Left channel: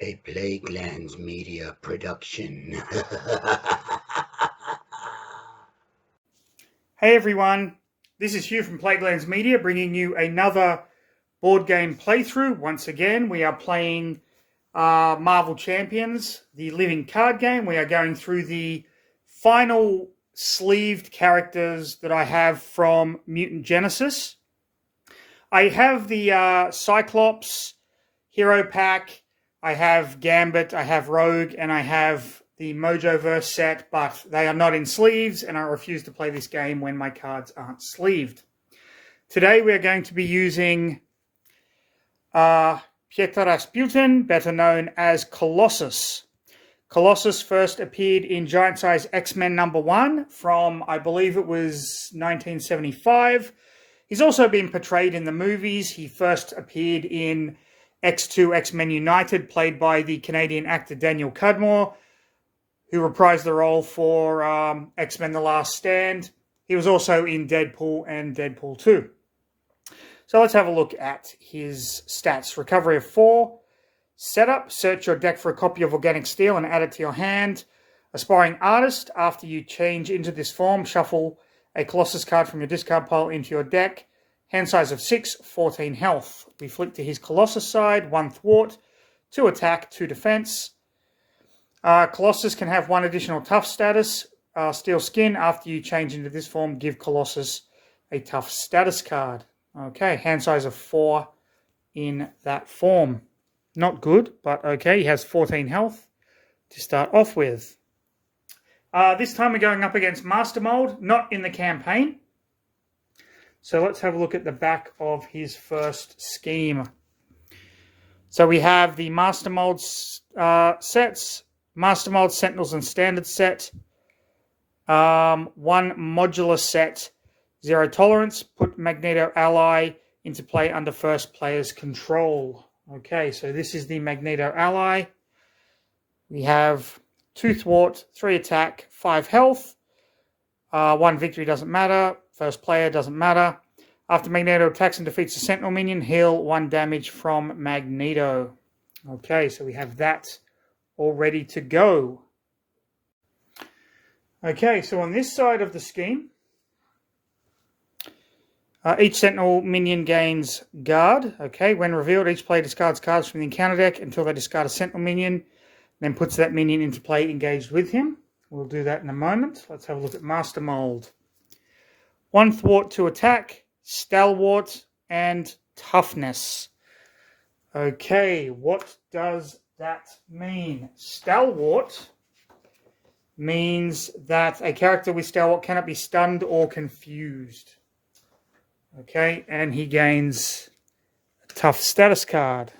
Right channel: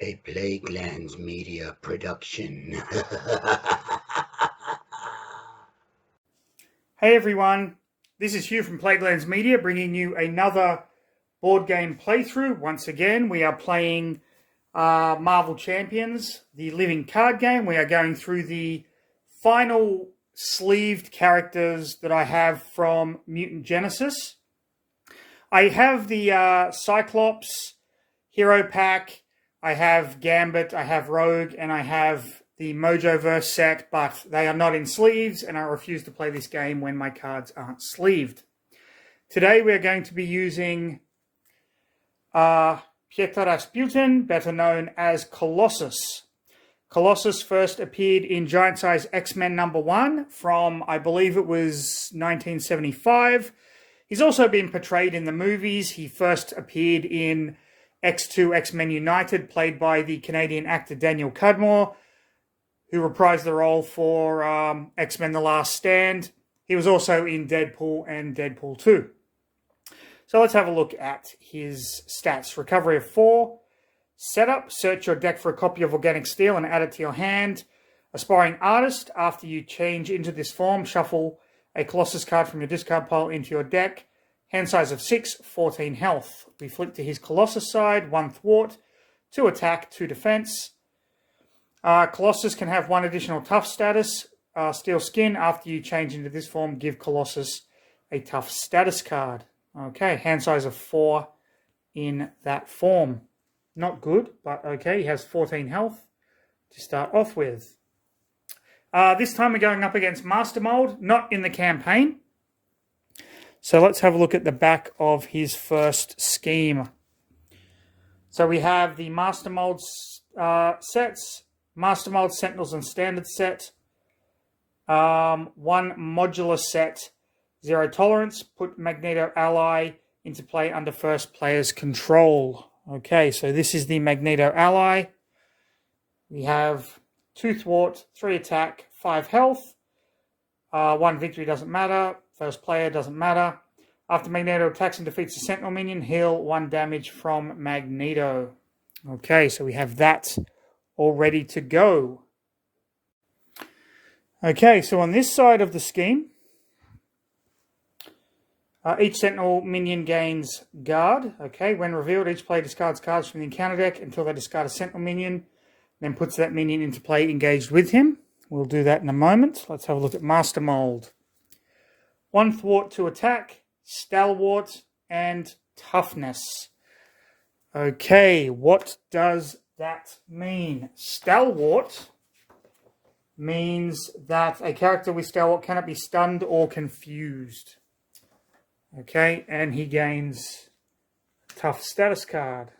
A Plaguelands Media production. Hey everyone, this is Hugh from Plaguelands Media bringing you another board game playthrough. Once again, we are playing Marvel Champions, the living card game. We are going through the final sleeved characters that I have from Mutant Genesis. I have the Cyclops Hero Pack, I have Gambit, I have Rogue, and I have the Mojoverse set, but they are not in sleeves, and I refuse to play this game when my cards aren't sleeved. Today we are going to be using Pietro Rasputin, better known as Colossus. Colossus first appeared in Giant Size X-Men #1 from, I believe it was 1975. He's also been portrayed in the movies. He first appeared in X2 X-Men United, played by the Canadian actor Daniel Cudmore, who reprised the role for X-Men The Last Stand. He was also in Deadpool and Deadpool 2. So let's have a look at his stats. Recovery of 4. Setup, search your deck for a copy of Organic Steel and add it to your hand. Aspiring Artist, after you change into this form, shuffle a Colossus card from your discard pile into your deck. Hand size of 6, 14 health. We flick to his Colossus side, 1 thwart, 2 attack, 2 defense. Colossus can have 1 additional tough status, Steel Skin. After you change into this form, give Colossus a tough status card. Okay, hand size of 4 in that form. Not good, but okay. He has 14 health to start off with. This time we're going up against Master Mold, not in the campaign. So let's have a look at the back of his first scheme. So we have the Master Mold sets, Master Mold Sentinels and Standard set, 1 modular set, 0 tolerance, put Magneto Ally into play under first player's control. Okay, so this is the Magneto Ally. We have 2 thwart, 3 attack, 5 health. 1 victory doesn't matter. First player doesn't matter. After Magneto attacks and defeats a Sentinel minion, heal 1 damage from Magneto. Okay, so we have that all ready to go. Okay, so on this side of the scheme, each Sentinel minion gains guard. Okay, when revealed, each player discards cards from the encounter deck until they discard a Sentinel minion, then puts that minion into play engaged with him. We'll do that in a moment. Let's have a look at Master Mold. 1 thwart, 2 attack, stalwart, and toughness. Okay, what does that mean? Stalwart means that a character with stalwart cannot be stunned or confused. Okay, and he gains a tough status card.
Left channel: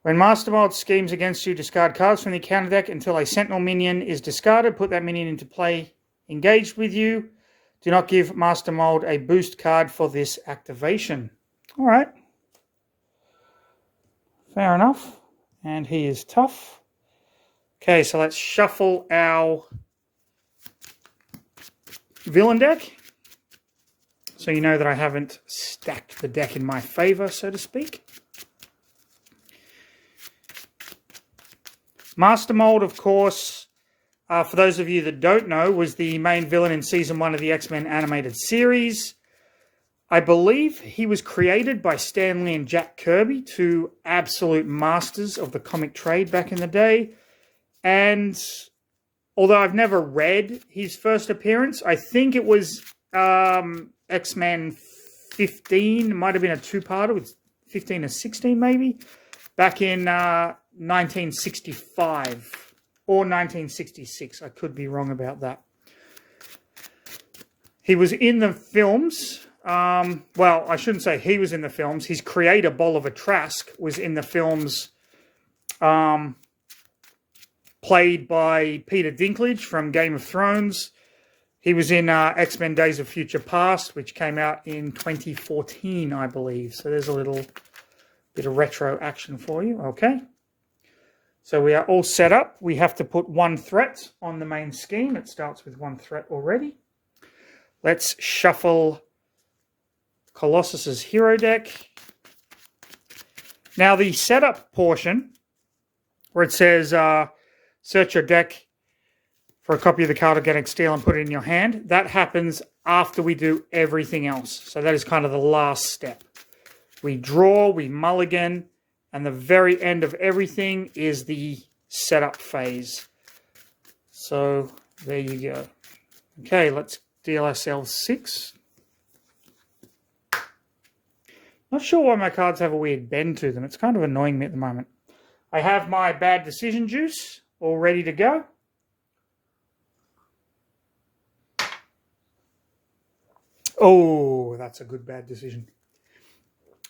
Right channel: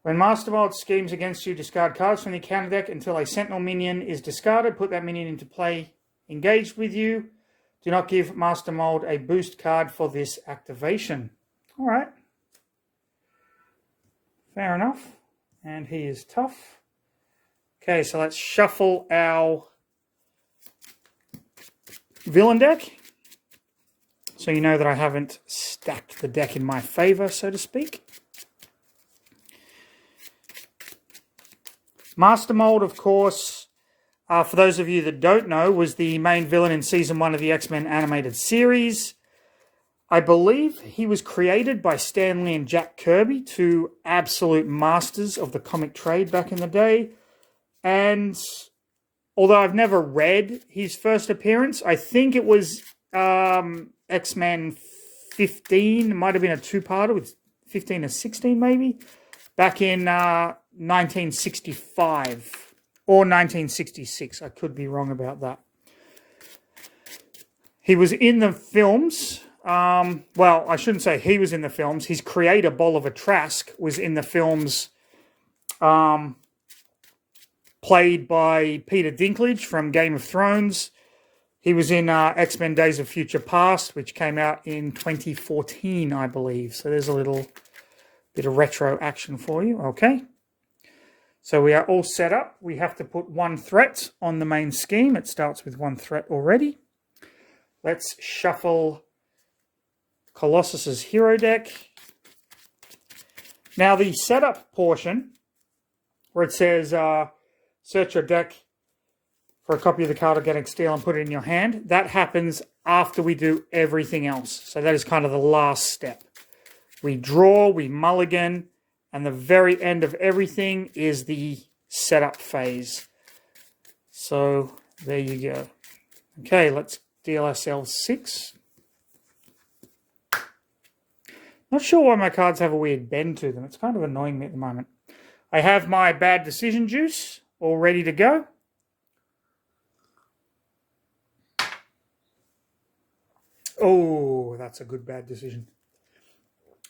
When Master Mold schemes against you, discard cards from the counter deck until a Sentinel minion is discarded. Put that minion into play engaged with you. Do not give Master Mold a boost card for this activation. All right. Fair enough. And he is tough. Okay, so let's shuffle our villain deck. So you know that I haven't stacked the deck in my favor, so to speak. Master Mold, of course, for those of you that don't know, was the main villain in Season 1 of the X-Men animated series. I believe he was created by Stan Lee and Jack Kirby, 2 absolute masters of the comic trade back in the day. And although I've never read his first appearance, I think it was X-Men 15. It might have been a 2-parter with 15 or 16 maybe, back in 1965 or 1966. I could be wrong about that. He was in the films. Well, I shouldn't say he was in the films. His creator, Bolivar Trask, was in the films played by Peter Dinklage from Game of Thrones. He was in X-Men Days of Future Past, which came out in 2014, I believe. So there's a little bit of retro action for you. Okay. So we are all set up. We have to put 1 threat on the main scheme. It starts with 1 threat already. Let's shuffle Colossus's hero deck. Now, the setup portion, where it says search your deck for a copy of the card Organic Steel and put it in your hand, that happens after we do everything else. So that is kind of the last step. We draw, we mulligan, and the very end of everything is the setup phase. So there you go. Okay, let's deal ourselves 6. Not sure why my cards have a weird bend to them. It's kind of annoying me at the moment. I have my bad decision juice all ready to go. Oh, that's a good bad decision.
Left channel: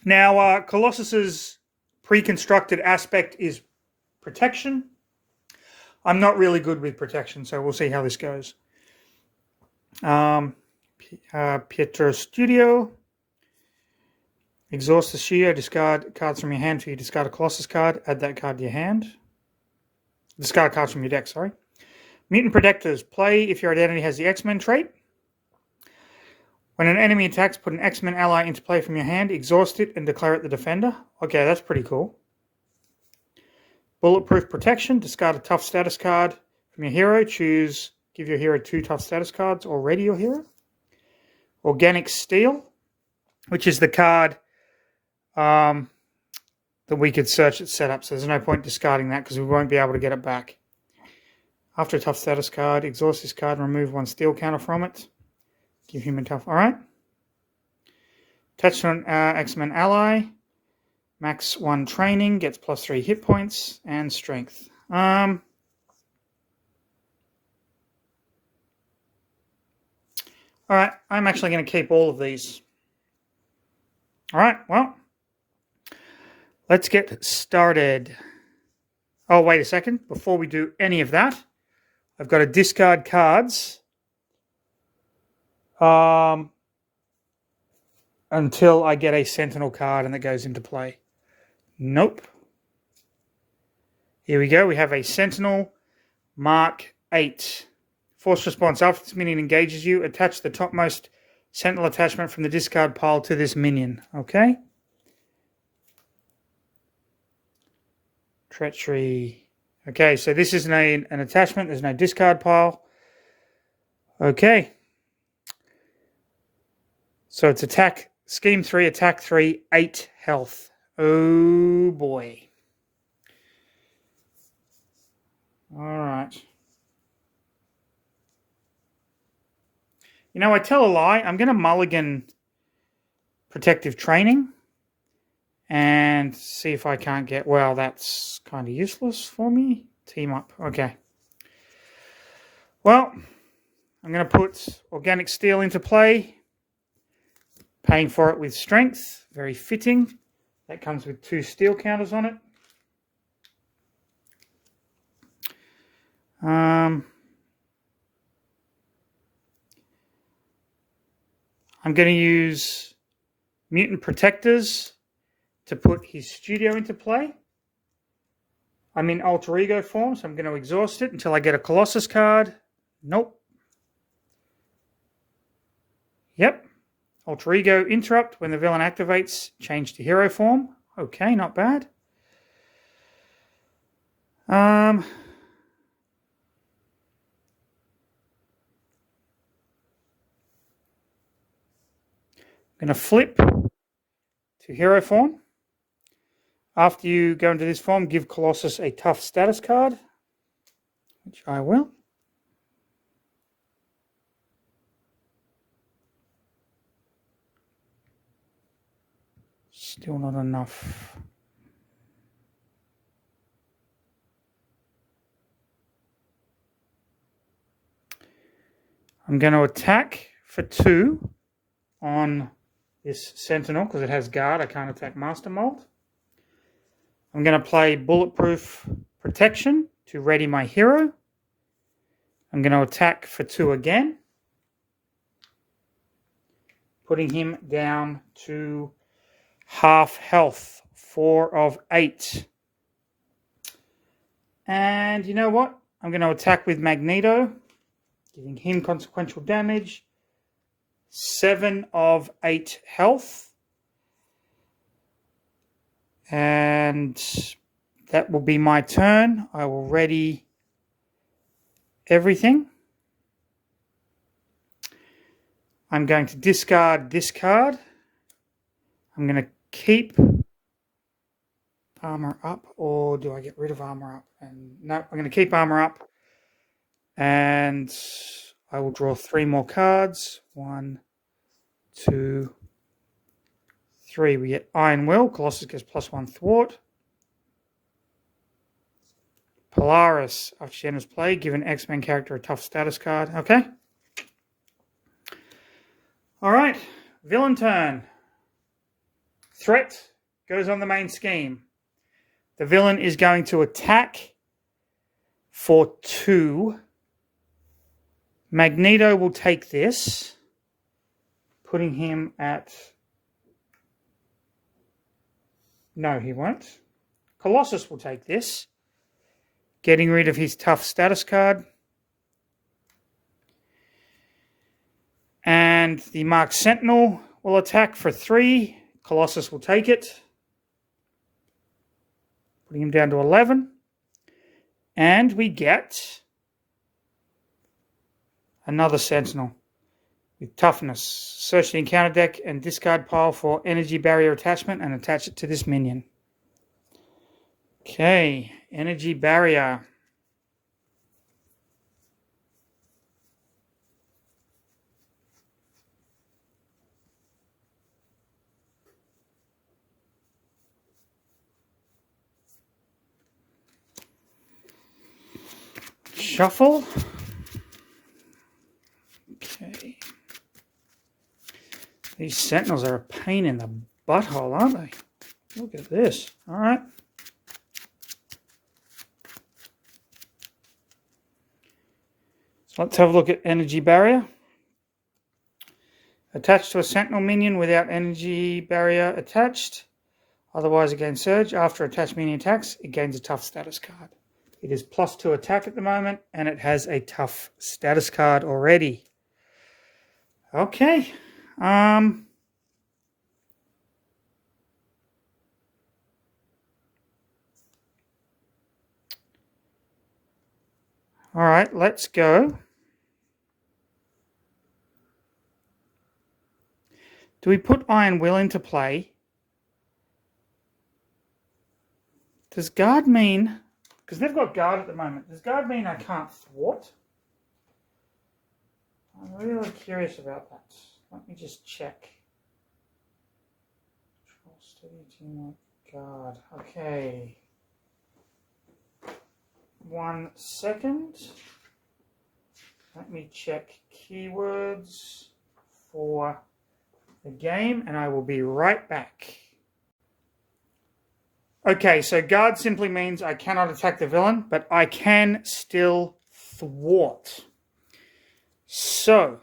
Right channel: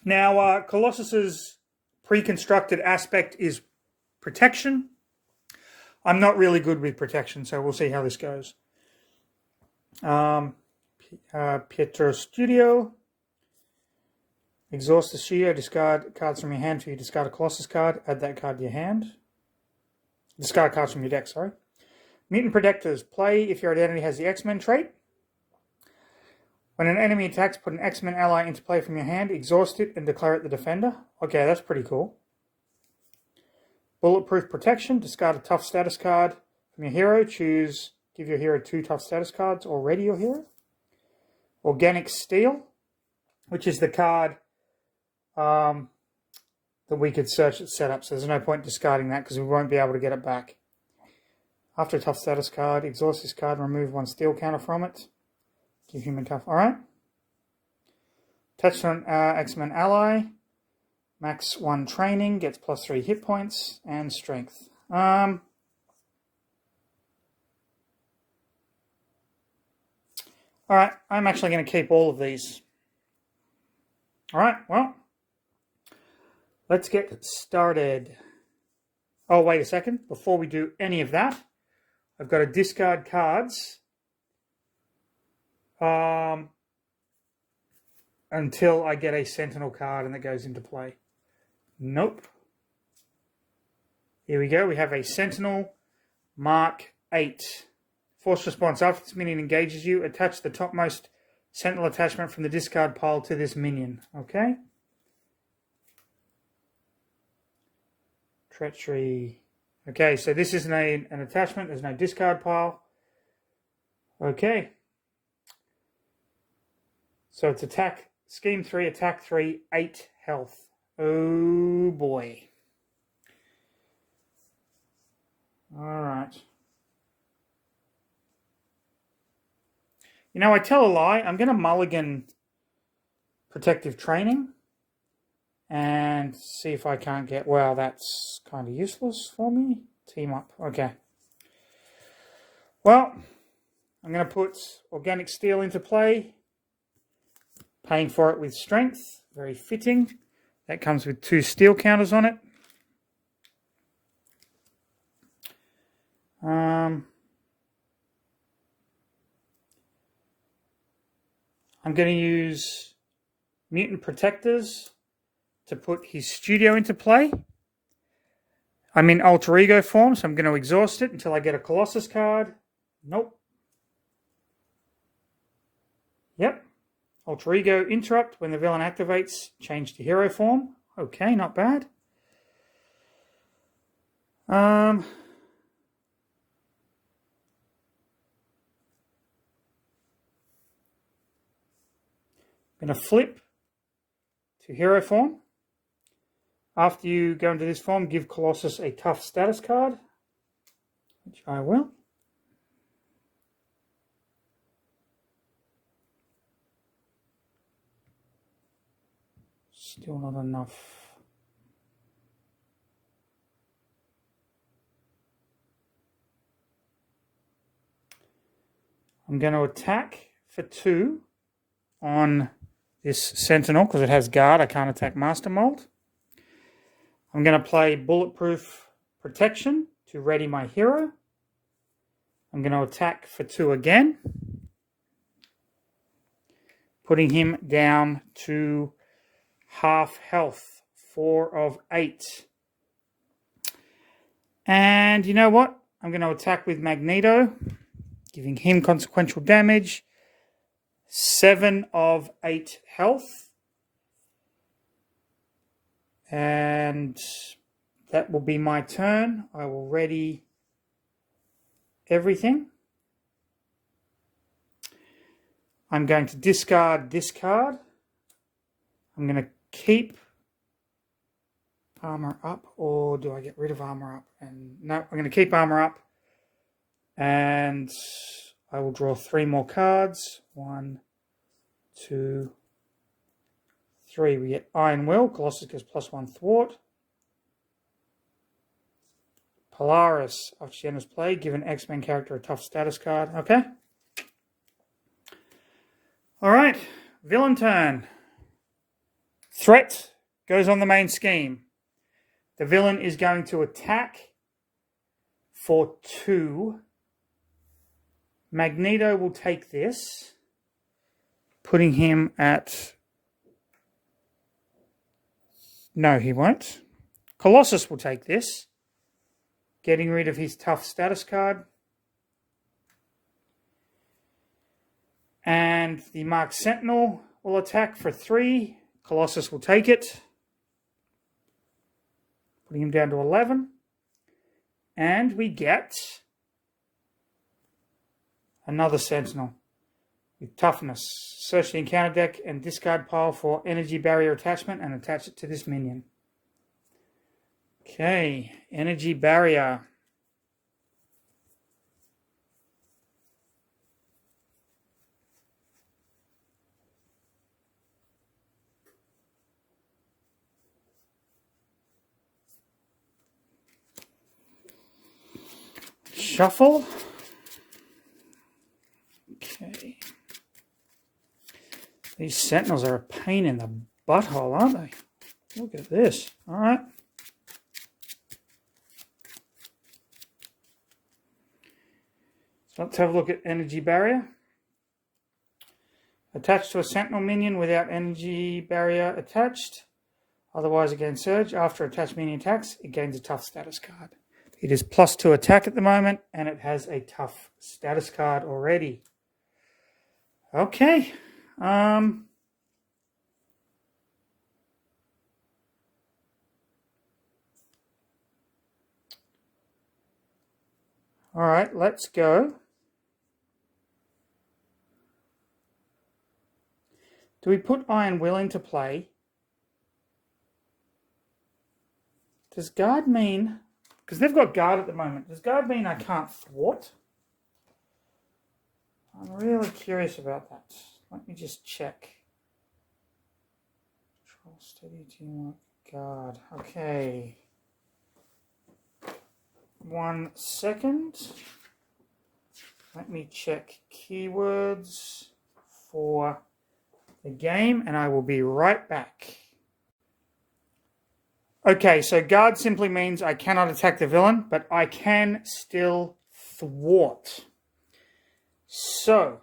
Now, Colossus's pre-constructed aspect is protection. I'm not really good with protection, so we'll see how this goes. Pietro Studio. Exhaust the studio, discard cards from your hand till you discard a Colossus card. Add that card to your hand. Discard cards from your deck, sorry. Mutant Protectors. Play if your identity has the X-Men trait. When an enemy attacks, put an X-Men ally into play from your hand, exhaust it, and declare it the defender. Okay, that's pretty cool. Bulletproof Protection. Discard a tough status card from your hero. Choose, give your hero 2 tough status cards. Already your hero. Organic Steel, which is the card that we could search at setup. So there's no point discarding that because we won't be able to get it back. After a tough status card, exhaust this card and remove 1 steel counter from it. Give him a tough. All right. Attached to an X-Men ally. Max 1 training. Gets +3 hit points and strength. All right. I'm actually going to keep all of these. All right. Well, let's get started. Oh, wait a second. Before we do any of that, I've got to discard cards until I get a Sentinel card and it goes into play. Nope. Here we go. We have a Sentinel Mark 8. Force response. After this minion engages you, attach the topmost Sentinel attachment from the discard pile to this minion. Okay. Treachery. Okay, so this is an attachment. There's no discard pile. Okay. So it's attack, scheme 3, attack 3, 8 health. Oh boy. All right. You know, I tell a lie. I'm going to mulligan protective training and see if I can't get, well, that's kind of useless for me. Team up. Okay. Well, I'm going to put Organic Steel into play. Paying for it with strength. Very fitting. That comes with 2 steel counters on it. I'm going to use Mutant Protectors to put his studio into play. I'm in alter ego form, so I'm going to exhaust it until I get a Colossus card. Nope. Yep. Alter ego interrupt. When the villain activates, change to hero form. Okay, not bad. I'm going to flip to hero form. After you go into this form, give Colossus a tough status card, which I will. Still not enough. I'm going to attack for 2 on this Sentinel because it has guard. I can't attack Master Mold. I'm going to play Bulletproof Protection to ready my hero. I'm going to attack for 2 again, putting him down to half health, 4 of 8. And you know what? I'm going to attack with Magneto, giving him consequential damage, 7 of 8 health. And that will be my turn. I will ready everything. I'm going to discard this card. I'm going to keep armor up, or do I get rid of armor up? And no, I'm going to keep armor up. And I will draw 3 more cards. 1, 2, 3. We get Iron Will. Colossus gets +1 thwart. Polaris. After she enters play, give an X-Men character a tough status card. Okay. All right. Villain turn. Threat goes on the main scheme. The villain is going to attack for 2. Magneto will take this, putting him at... No, he won't. Colossus will take this, getting rid of his tough status card. And the Marked Sentinel will attack for 3. Colossus will take it, putting him down to 11. And we get another Sentinel with toughness. Search the encounter deck and discard pile for energy barrier attachment and attach it to this minion. Okay, energy barrier. Shuffle. Okay. These Sentinels are a pain in the butthole, aren't they? Look at this. All right. So let's have a look at energy barrier. Attached to a Sentinel minion without energy barrier attached. Otherwise, it gains surge. After attached minion attacks, it gains a tough status card. It is +2 attack at the moment, and it has a tough status card already. Okay. All right, let's go. Do we put Iron Will into play? Does guard mean... Because they've got guard at the moment. Does guard mean I can't thwart? I'm really curious about that. Let me just check. Control steady teamwork guard. Okay. 1 second. Let me check keywords for the game, and I will be right back. Okay, so guard simply means I cannot attack the villain, but I can still thwart. So,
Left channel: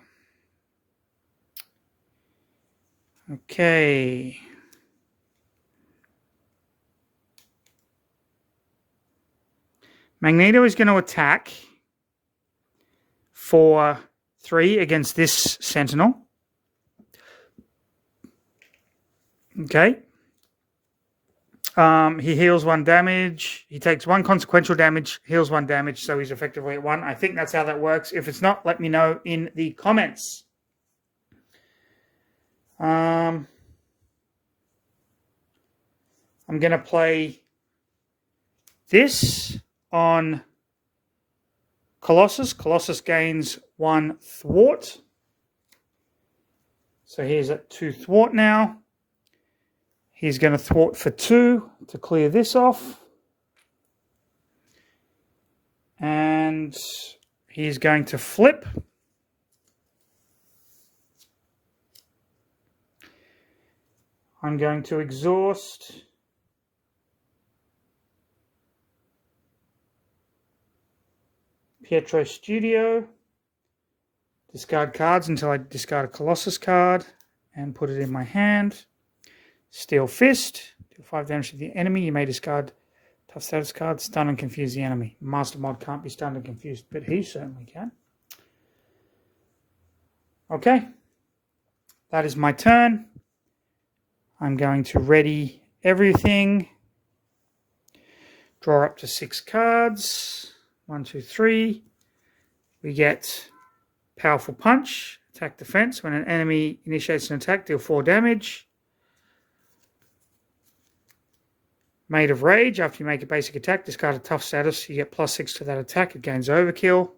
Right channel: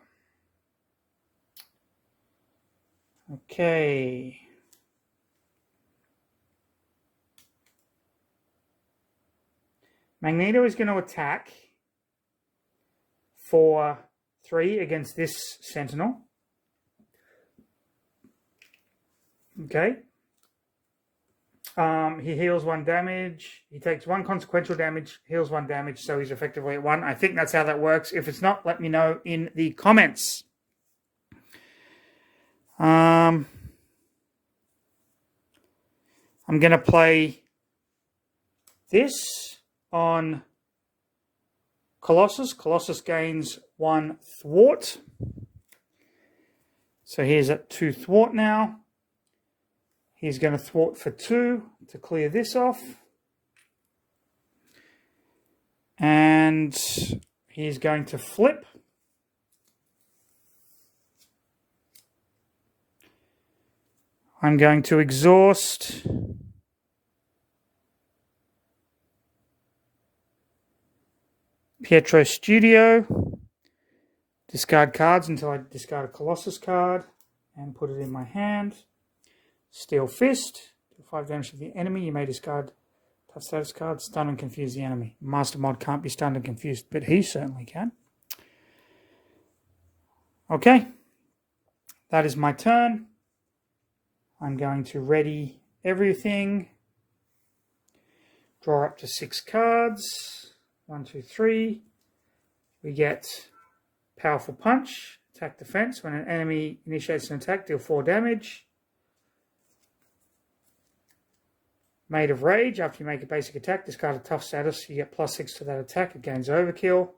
okay. Magneto is going to attack for 3 against this Sentinel. Okay. He heals 1 damage. He takes 1 consequential damage, heals 1 damage, so he's effectively at 1. I think that's how that works. If it's not, let me know in the comments. I'm going to play this on Colossus. Colossus gains 1 thwart. So he's at 2 thwart now. He's going to thwart for 2 to clear this off. And he's going to flip. I'm going to exhaust. Pietro Studio. Discard cards until I discard a Colossus card and put it in my hand. Steel Fist. Deal 5 damage to the enemy. You may discard tough status card. Stun and confuse the enemy. Master Mod can't be stunned and confused, but he certainly can. Okay. That is my turn. I'm going to ready everything. Draw up to 6 cards. 1, 2, 3. We get Powerful Punch. Attack defense. When an enemy initiates an attack, deal 4 damage. Made of Rage. After you make a basic attack, discard a tough status. You get +6 to that attack. It gains Overkill.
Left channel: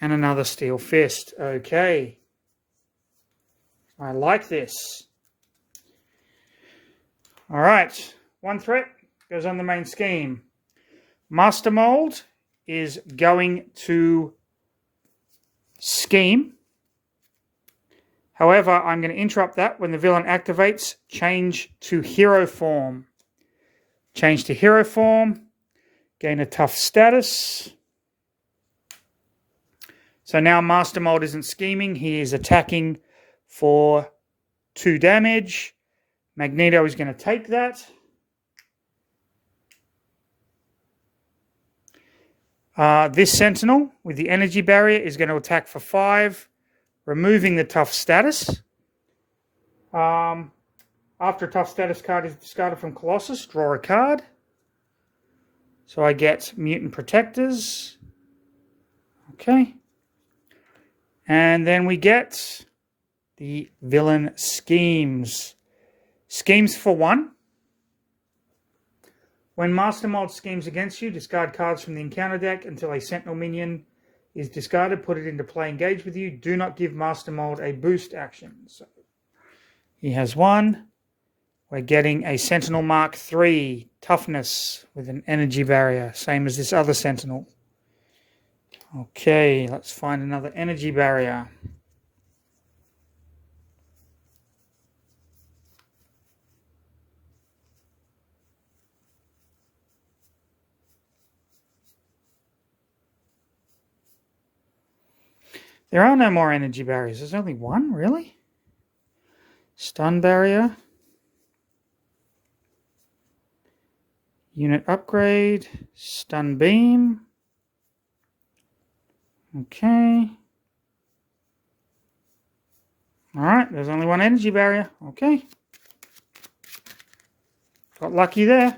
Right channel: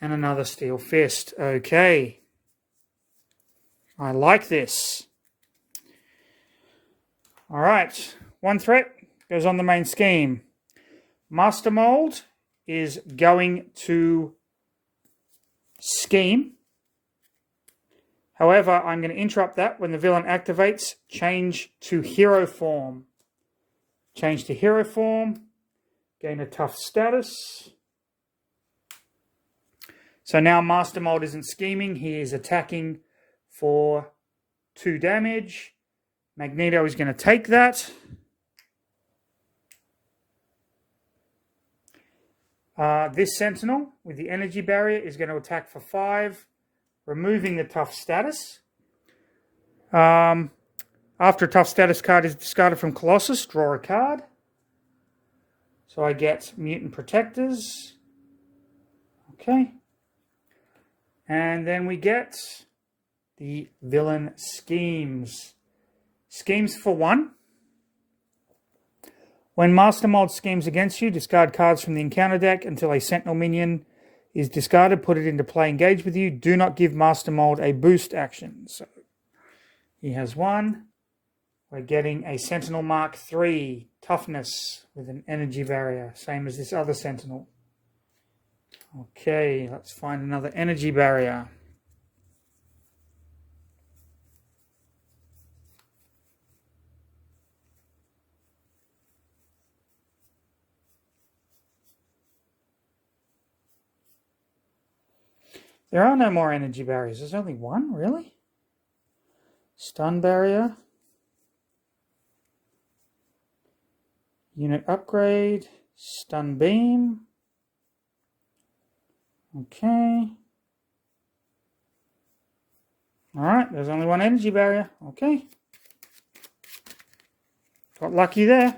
And another Steel Fist. Okay. I like this. All right. 1 threat goes on the main scheme. Master Mold is going to scheme. However, I'm going to interrupt that when the villain activates. Change to hero form. Change to hero form. Gain a tough status. So now Master Mold isn't scheming. He is attacking for 2 damage. Magneto is going to take that. This Sentinel with the energy barrier is going to attack for 5, removing the tough status. After a tough status card is discarded from Colossus, draw a card. So I get Mutant Protectors. Okay. And then we get the Villain Schemes. Schemes for 1. When Master Mold schemes against you, discard cards from the encounter deck until a Sentinel minion is discarded. Put it into play, engage with you. Do not give Master Mold a boost action. So he has 1. We're getting a Sentinel Mark III toughness with an energy barrier, same as this other Sentinel. Okay, let's find another energy barrier. There are no more energy barriers. There's only 1, really? Stun barrier. Unit upgrade. Stun beam. Okay. Alright, there's only 1 energy barrier. Okay. Got lucky there.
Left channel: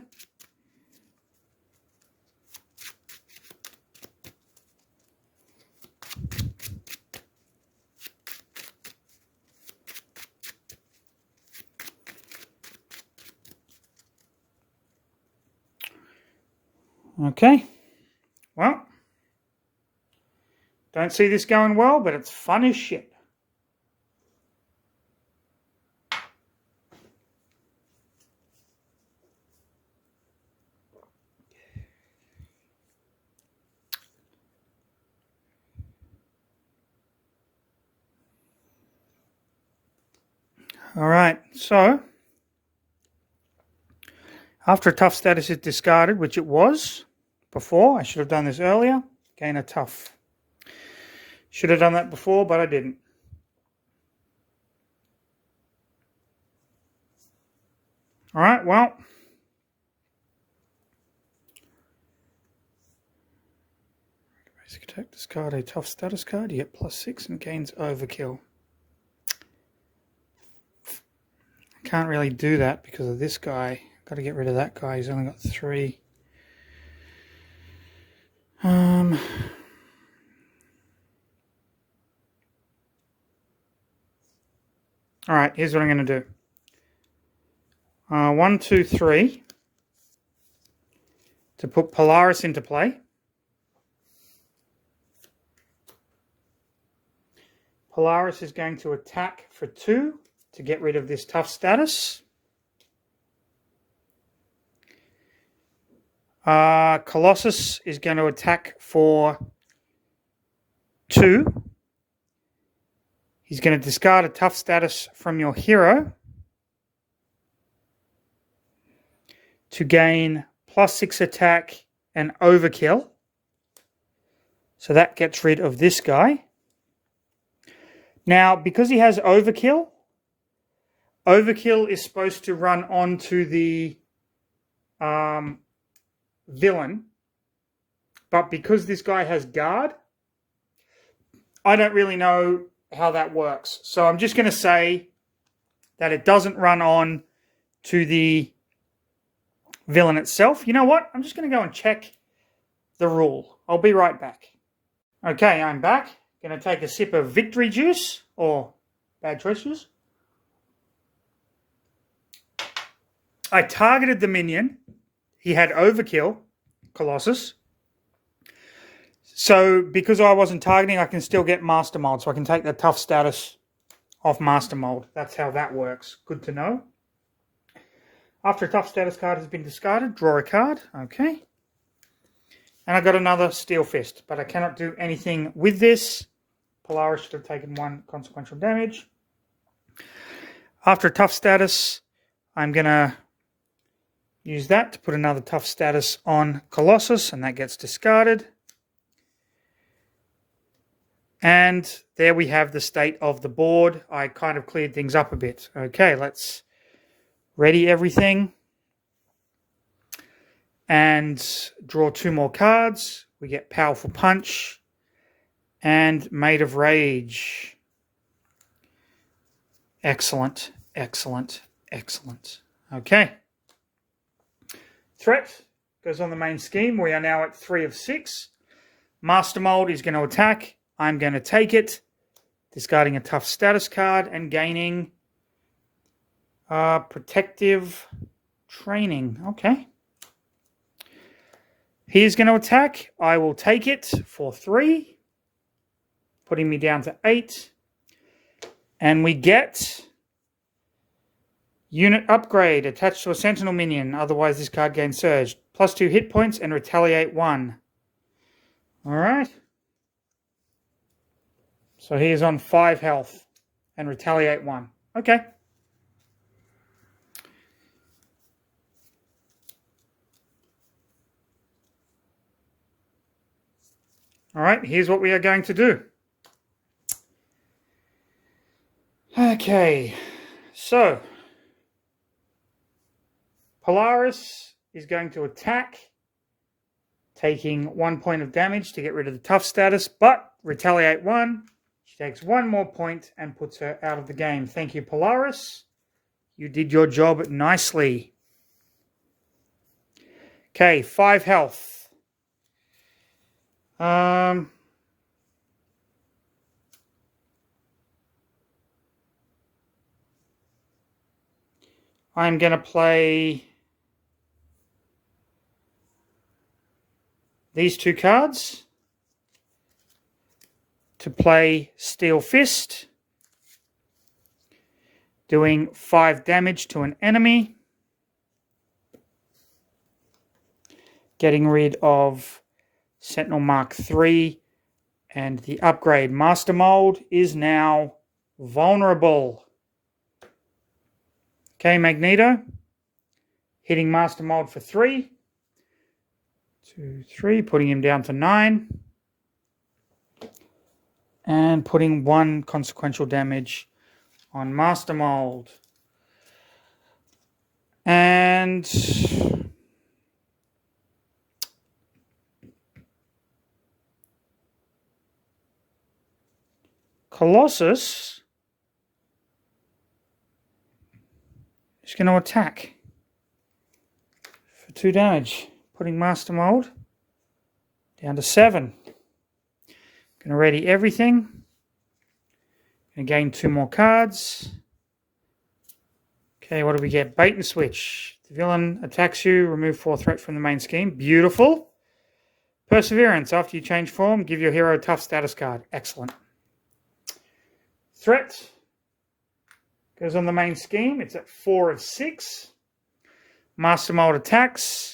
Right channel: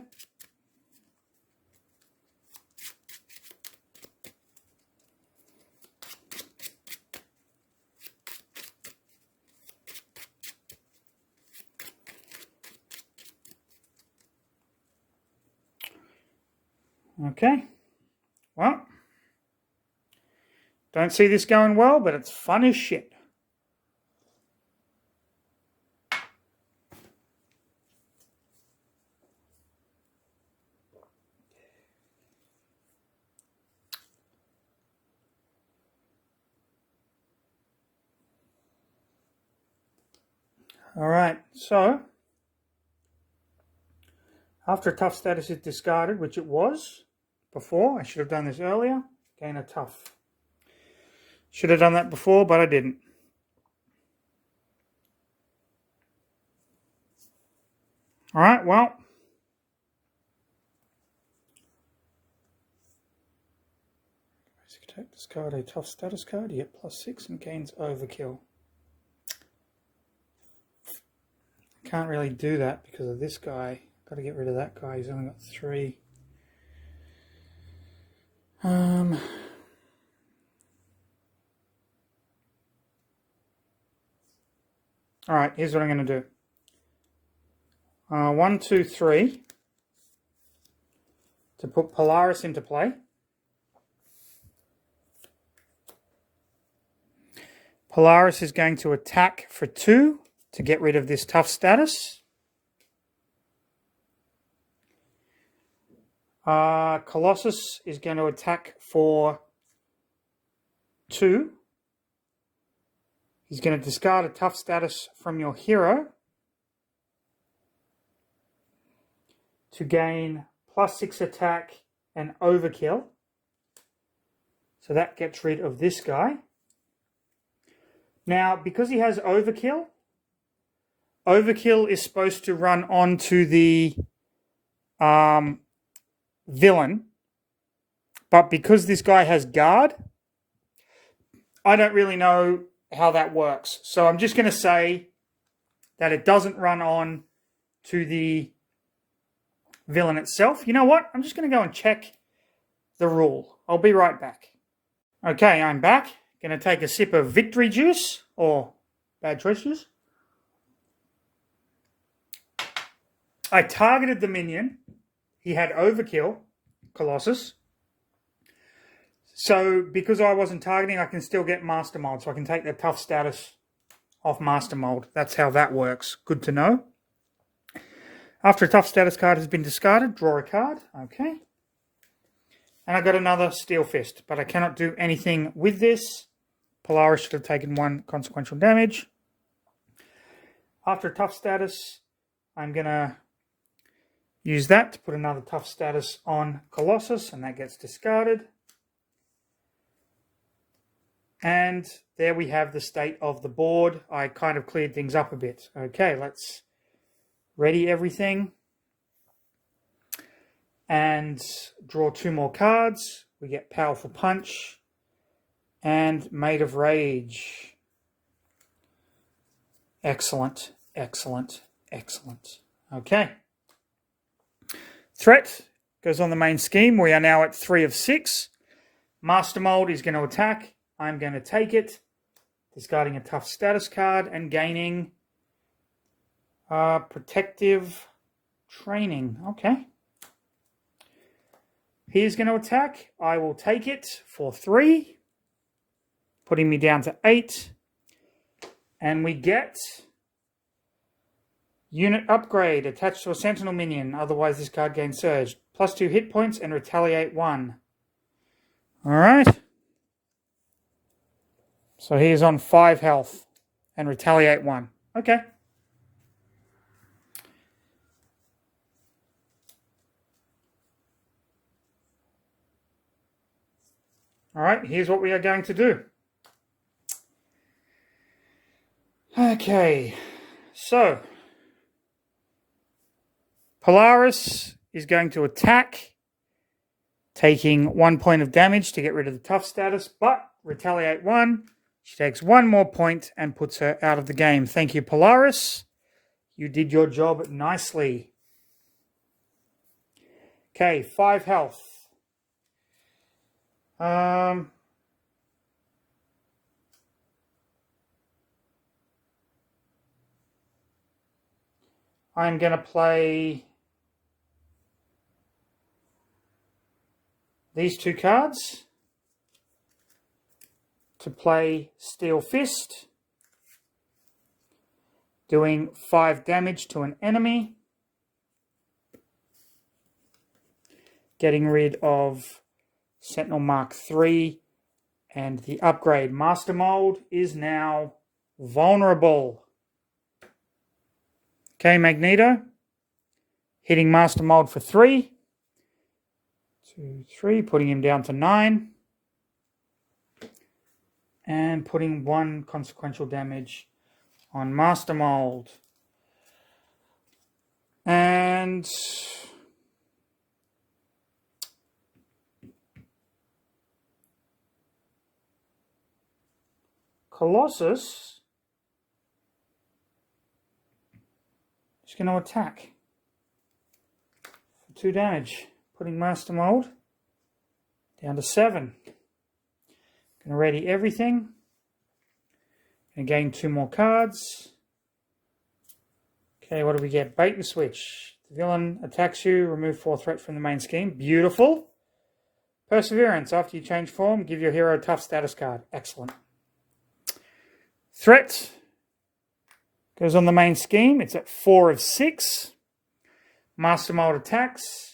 Okay, well, don't see this going well, but it's fun as shit. All right, so after a tough status is discarded, which it was before, I should have done this earlier, gain a tough. Should have done that before, but I didn't. All right, well. Basic attack, discard a tough status card. You get +6 and gains Overkill. I can't really do that because of this guy. Got to get rid of that guy. He's only got 3. All right, here's what I'm going to do. 1, 2, 3. To put Polaris into play. Polaris is going to attack for 2 to get rid of this tough status. Colossus is going to attack for 2. He's going to discard a tough status from your hero to gain +6 attack and Overkill. So that gets rid of this guy. Now, because he has Overkill, Overkill is supposed to run onto the villain, but because this guy has guard, I don't really know how that works. So I'm just going to say that it doesn't run on to the villain itself. You know what? I'm just going to go and check the rule. I'll be right back. Okay, I'm back. Going to take a sip of victory juice, or bad choice juice. I targeted the minion. He had overkill, Colossus. So because I wasn't targeting, I can still get Master Mold. So I can take the tough status off Master Mold. That's how that works. Good to know. After a tough status card has been discarded, draw a card. Okay. And I got another Steel Fist, but I cannot do anything with this. Polaris should have taken 1 consequential damage. After a tough status, I'm going to use that to put another tough status on Colossus, and that gets discarded. And there we have the state of the board. I kind of cleared things up a bit. Okay, let's ready everything and draw 2 more cards. We get Powerful Punch and Made of Rage. Excellent, excellent, excellent. Okay. Threat goes on the main scheme. We are now at 3 of 6. Master Mold is going to attack. I'm going to take it, discarding a tough status card and gaining protective training. Okay. He's going to attack. I will take it for 3, putting me down to 8. And we get unit upgrade attached to a sentinel minion. Otherwise, this card gains surge. +2 hit points and retaliate 1. All right. So he is on 5 health and retaliate 1. Okay. All right, here's what we are going to do. Okay, so Polaris is going to attack, taking 1 point of damage to get rid of the tough status, but retaliate 1. She takes 1 more point and puts her out of the game. Thank you, Polaris. You did your job nicely. Okay, 5 health. I'm going to play these 2 cards to play Steel Fist, doing 5 damage to an enemy, getting rid of Sentinel Mark III, and the upgrade Master Mold is now vulnerable. Okay, Magneto, hitting Master Mold for 3. 2, 3, putting him down for 9. And putting 1 consequential damage on Master Mold. And Colossus is going to attack for 2 damage, putting Master Mold down to 7. Going to ready everything. Going to gain 2 more cards. Okay, what do we get? Bait and switch. The villain attacks you. Remove 4 threat from the main scheme. Beautiful. Perseverance. After you change form, give your hero a tough status card. Excellent. Threat goes on the main scheme. It's at 4 of 6. Master Mold attacks.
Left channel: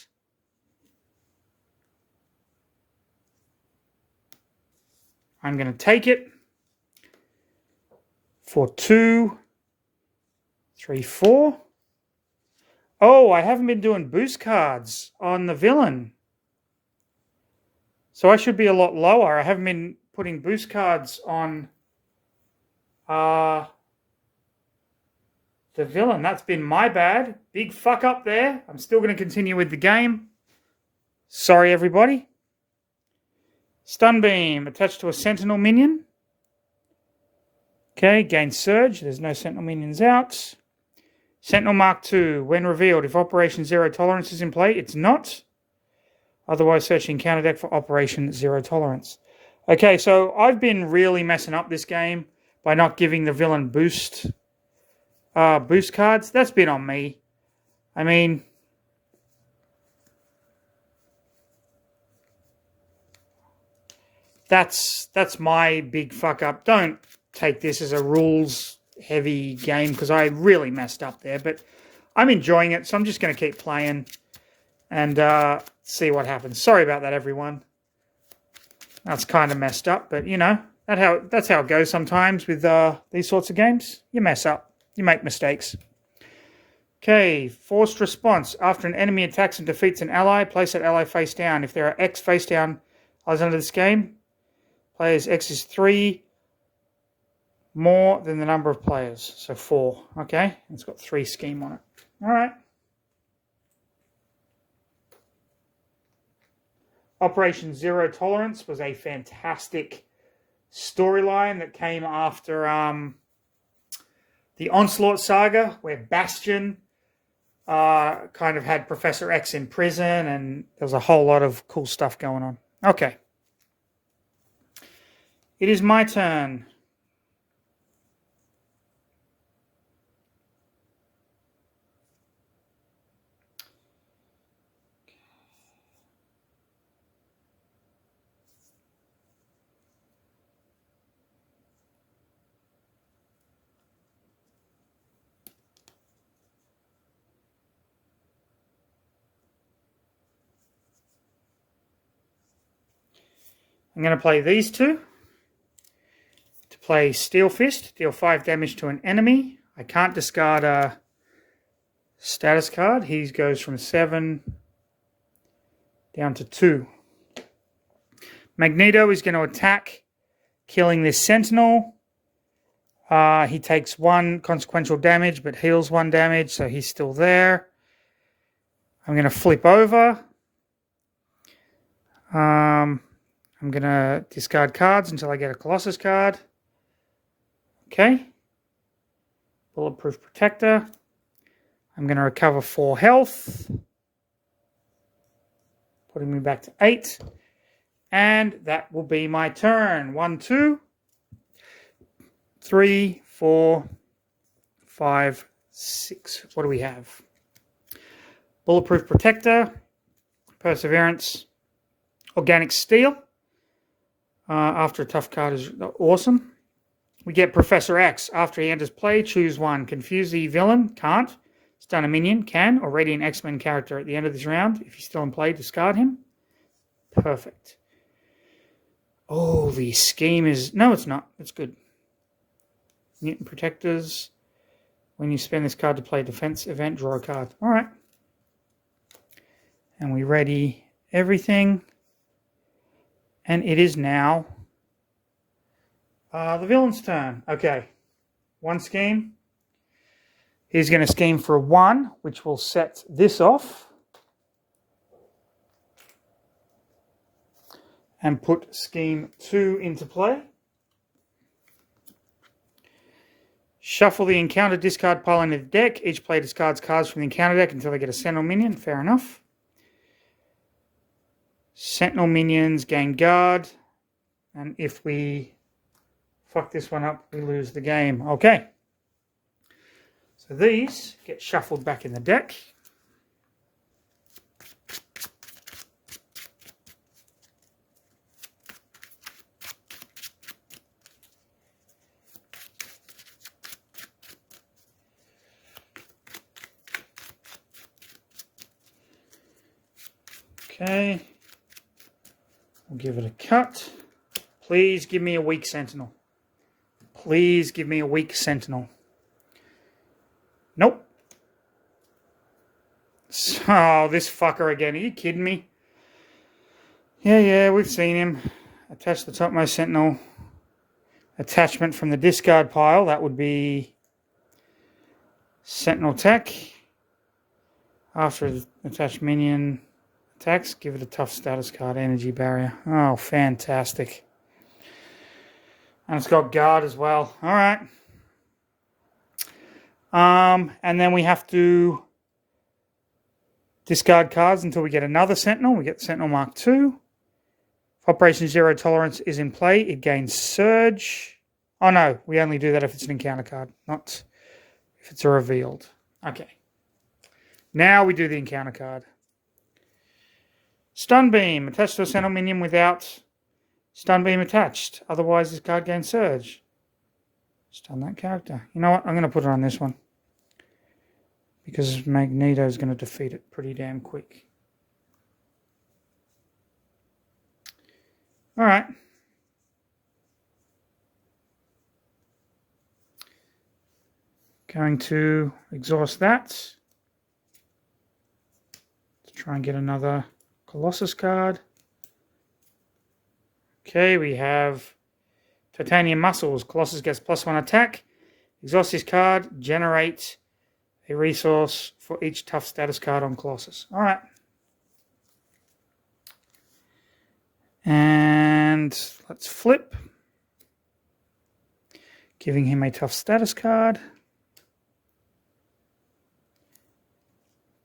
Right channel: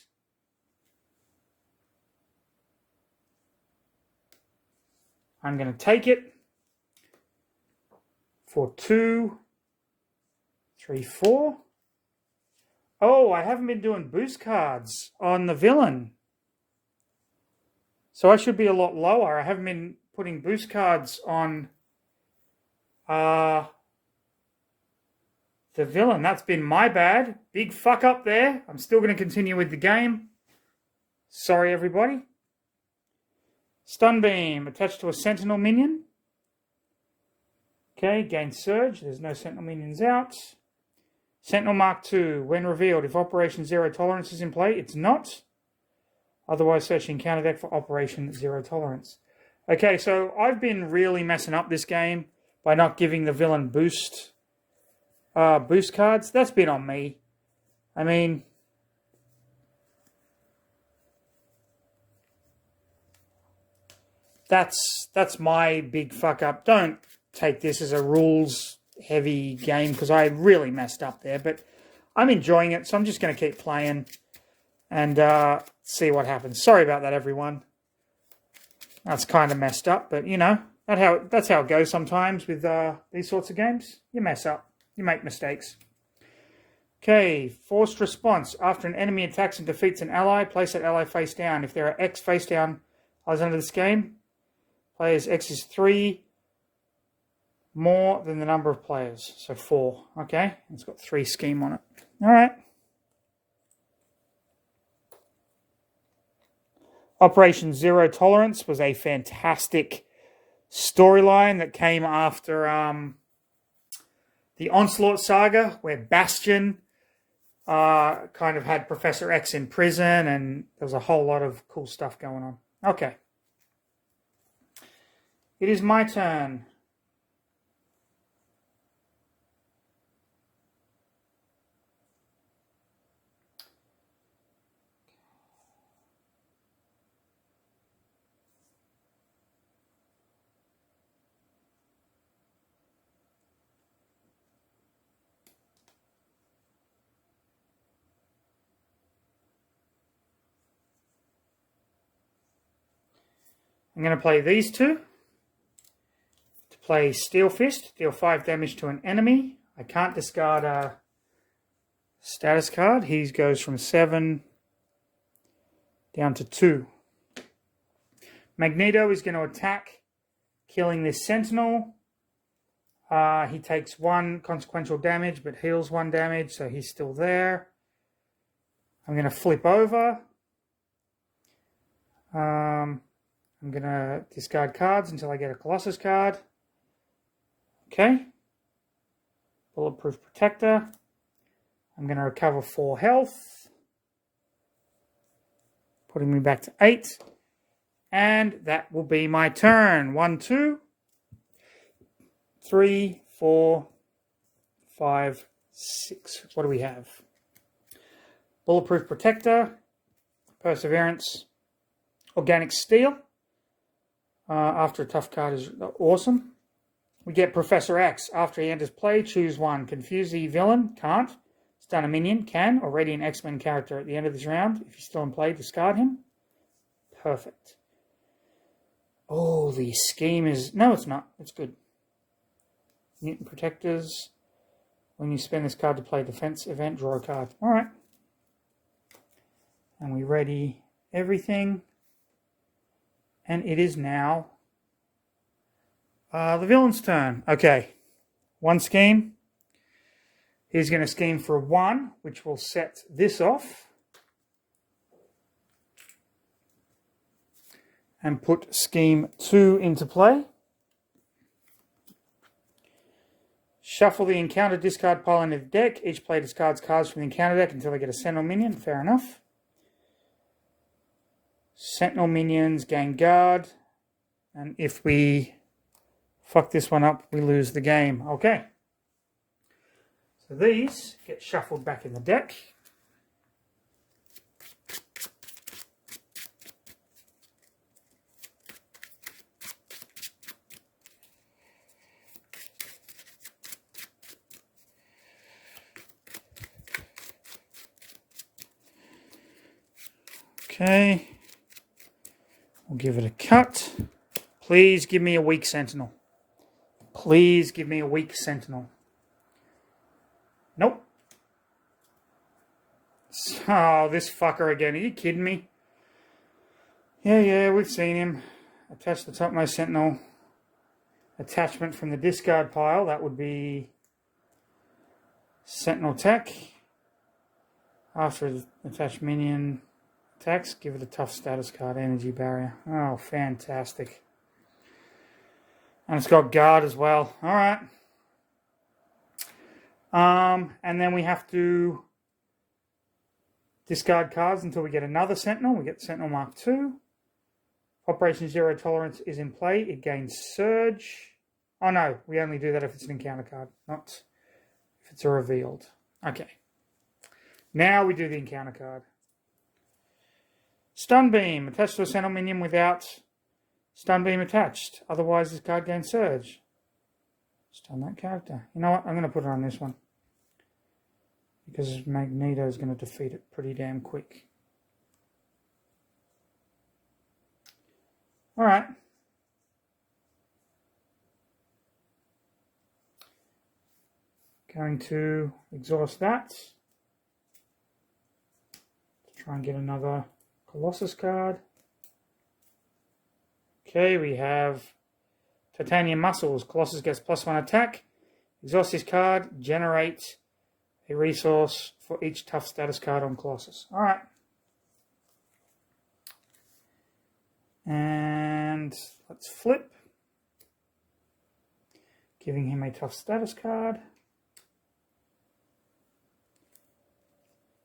I'm going to take it for 2, 3, 4. Oh, I haven't been doing boost cards on the villain. So I should be a lot lower. I haven't been putting boost cards on the villain. That's been my bad. Big fuck up there. I'm still going to continue with the game. Sorry, everybody. Stun Beam attached to a Sentinel minion. Okay, gain Surge. There's no Sentinel minions out. Sentinel Mark II. When revealed, if Operation Zero Tolerance is in play, it's not. Otherwise, search the encounter deck for Operation Zero Tolerance. Okay, so I've been really messing up this game by not giving the villain boost cards. That's been on me. I mean, that's my big fuck up. Don't take this as a rules heavy game because I really messed up there, but I'm enjoying it, so I'm just going to keep playing and see what happens. Sorry about that, everyone. That's kind of messed up, but you know, that's how it goes sometimes with these sorts of games. You mess up. You make mistakes. Okay, forced response. After an enemy attacks and defeats an ally, place that ally face down. If there are X face down allies under this game, players X is 3 more than the number of players. So 4. Okay, it's got 3 scheme on it. All right. Operation Zero Tolerance was a fantastic storyline that came after the Onslaught saga, where Bastion kind of had Professor X in prison, and there was a whole lot of cool stuff going on. Okay. It is my turn. I'm going to play these two. To play Steel Fist, deal 5 damage to an enemy. I can't discard a status card. He goes from 7 down to 2. Magneto is going to attack, killing this Sentinel. He takes 1 consequential damage, but heals 1 damage, so he's still there. I'm going to flip over. I'm going to discard cards until I get a Colossus card. Okay. Bulletproof Protector. I'm going to recover 4 health, putting me back to 8. And that will be my turn. 1, 2, 3, 4, 5, 6. What do we have? Bulletproof Protector, Perseverance, Organic Steel. After a tough card is awesome. We get Professor X. After he enters play, choose 1. Confuse the villain. Can't. Stun a minion. Can. Or Radiant X-Men character at the end of this round. If he's still in play, discard him. Perfect. Oh, the scheme is... No, it's not. It's good. Mutant Protectors. When you spend this card to play a defense event, draw a card. All right. And we ready everything. And it is now the villain's turn. Okay. 1 scheme. He's going to scheme for 1, which will set this off. And put scheme 2 into play. Shuffle the encounter discard pile into the deck. Each player discards cards from the encounter deck until they get a Sentinel minion. Fair enough. Sentinel minions gain guard. And if we fuck this one up, we lose the game. Okay. So these get shuffled back in the deck. Okay. We'll give it a cut. Please give me a weak Sentinel. Please give me a weak Sentinel. Nope. Oh, this fucker again. Are you kidding me? Yeah, we've seen him. Attach the topmost Sentinel attachment from the discard pile. That would be Sentinel Tech. After the attached minion attacks, give it a tough status card, Energy Barrier. Oh, fantastic. And it's got guard as well. All right. And then we have to discard cards until we get another Sentinel. We get Sentinel Mark II. If Operation Zero Tolerance is in play, it gains Surge. Oh no, we only do that if it's an encounter card, not if it's a revealed. Okay. Now we do the encounter card. Stun Beam. Attached to a Sentinel minion without Stun Beam attached. Otherwise, this card gains Surge. Stun that character. You know what? I'm going to put it on this one. Because Magneto is going to defeat it pretty damn quick. All right. Going to exhaust that. To try and get another Colossus card. Okay, we have Titanium Muscles. Colossus gets +1 attack. Exhaust this card. Generate a resource for each tough status card on Colossus. All right. And let's flip. Giving him a tough status card.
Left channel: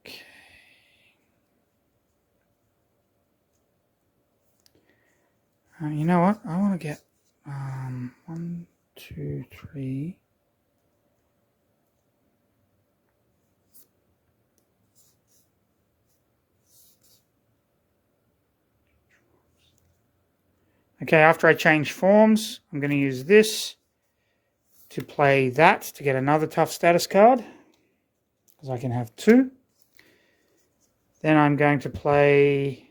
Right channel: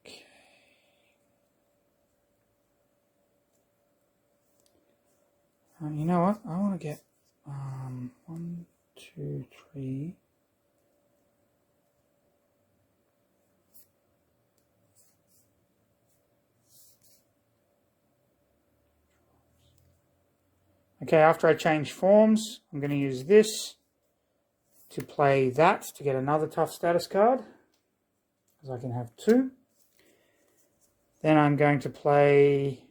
Okay. You know what? I want to get 1, 2, 3. Okay, after I change forms, I'm going to use this to play that to get another tough status card, because I can have 2. Then I'm going to play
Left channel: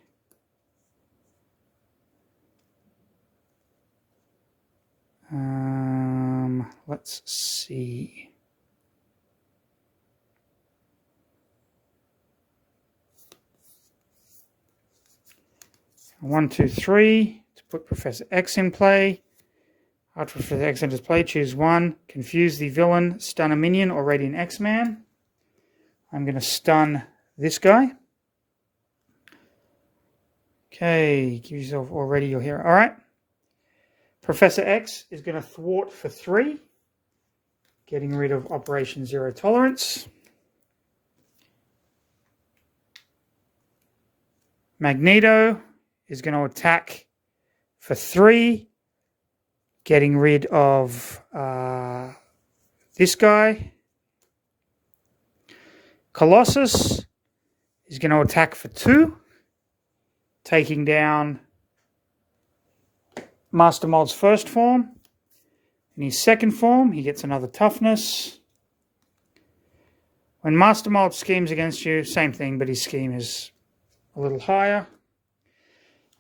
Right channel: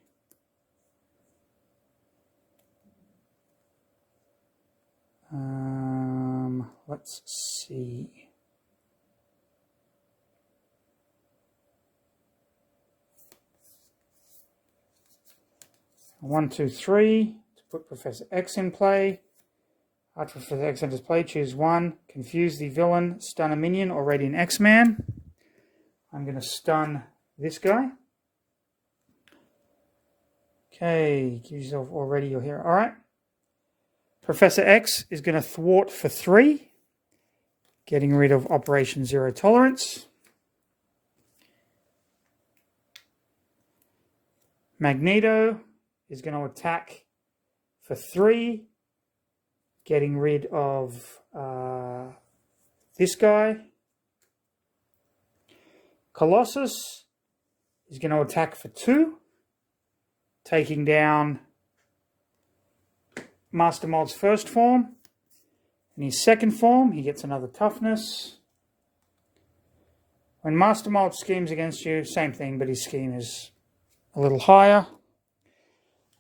let's see. One, 2, 3 to put Professor X in play. After Professor X enters play, choose 1. Confuse the villain, stun a minion or Radiant X-Man. I'm going to stun this guy. Okay, give yourself already your hero. All right. Professor X is going to thwart for 3, getting rid of Operation Zero Tolerance. Magneto is going to attack for 3, getting rid of this guy. Colossus is going to attack for 2, taking down Master Mold's first form. In his second form, he gets another toughness. When Master Mold schemes against you, same thing, but his scheme is a little higher.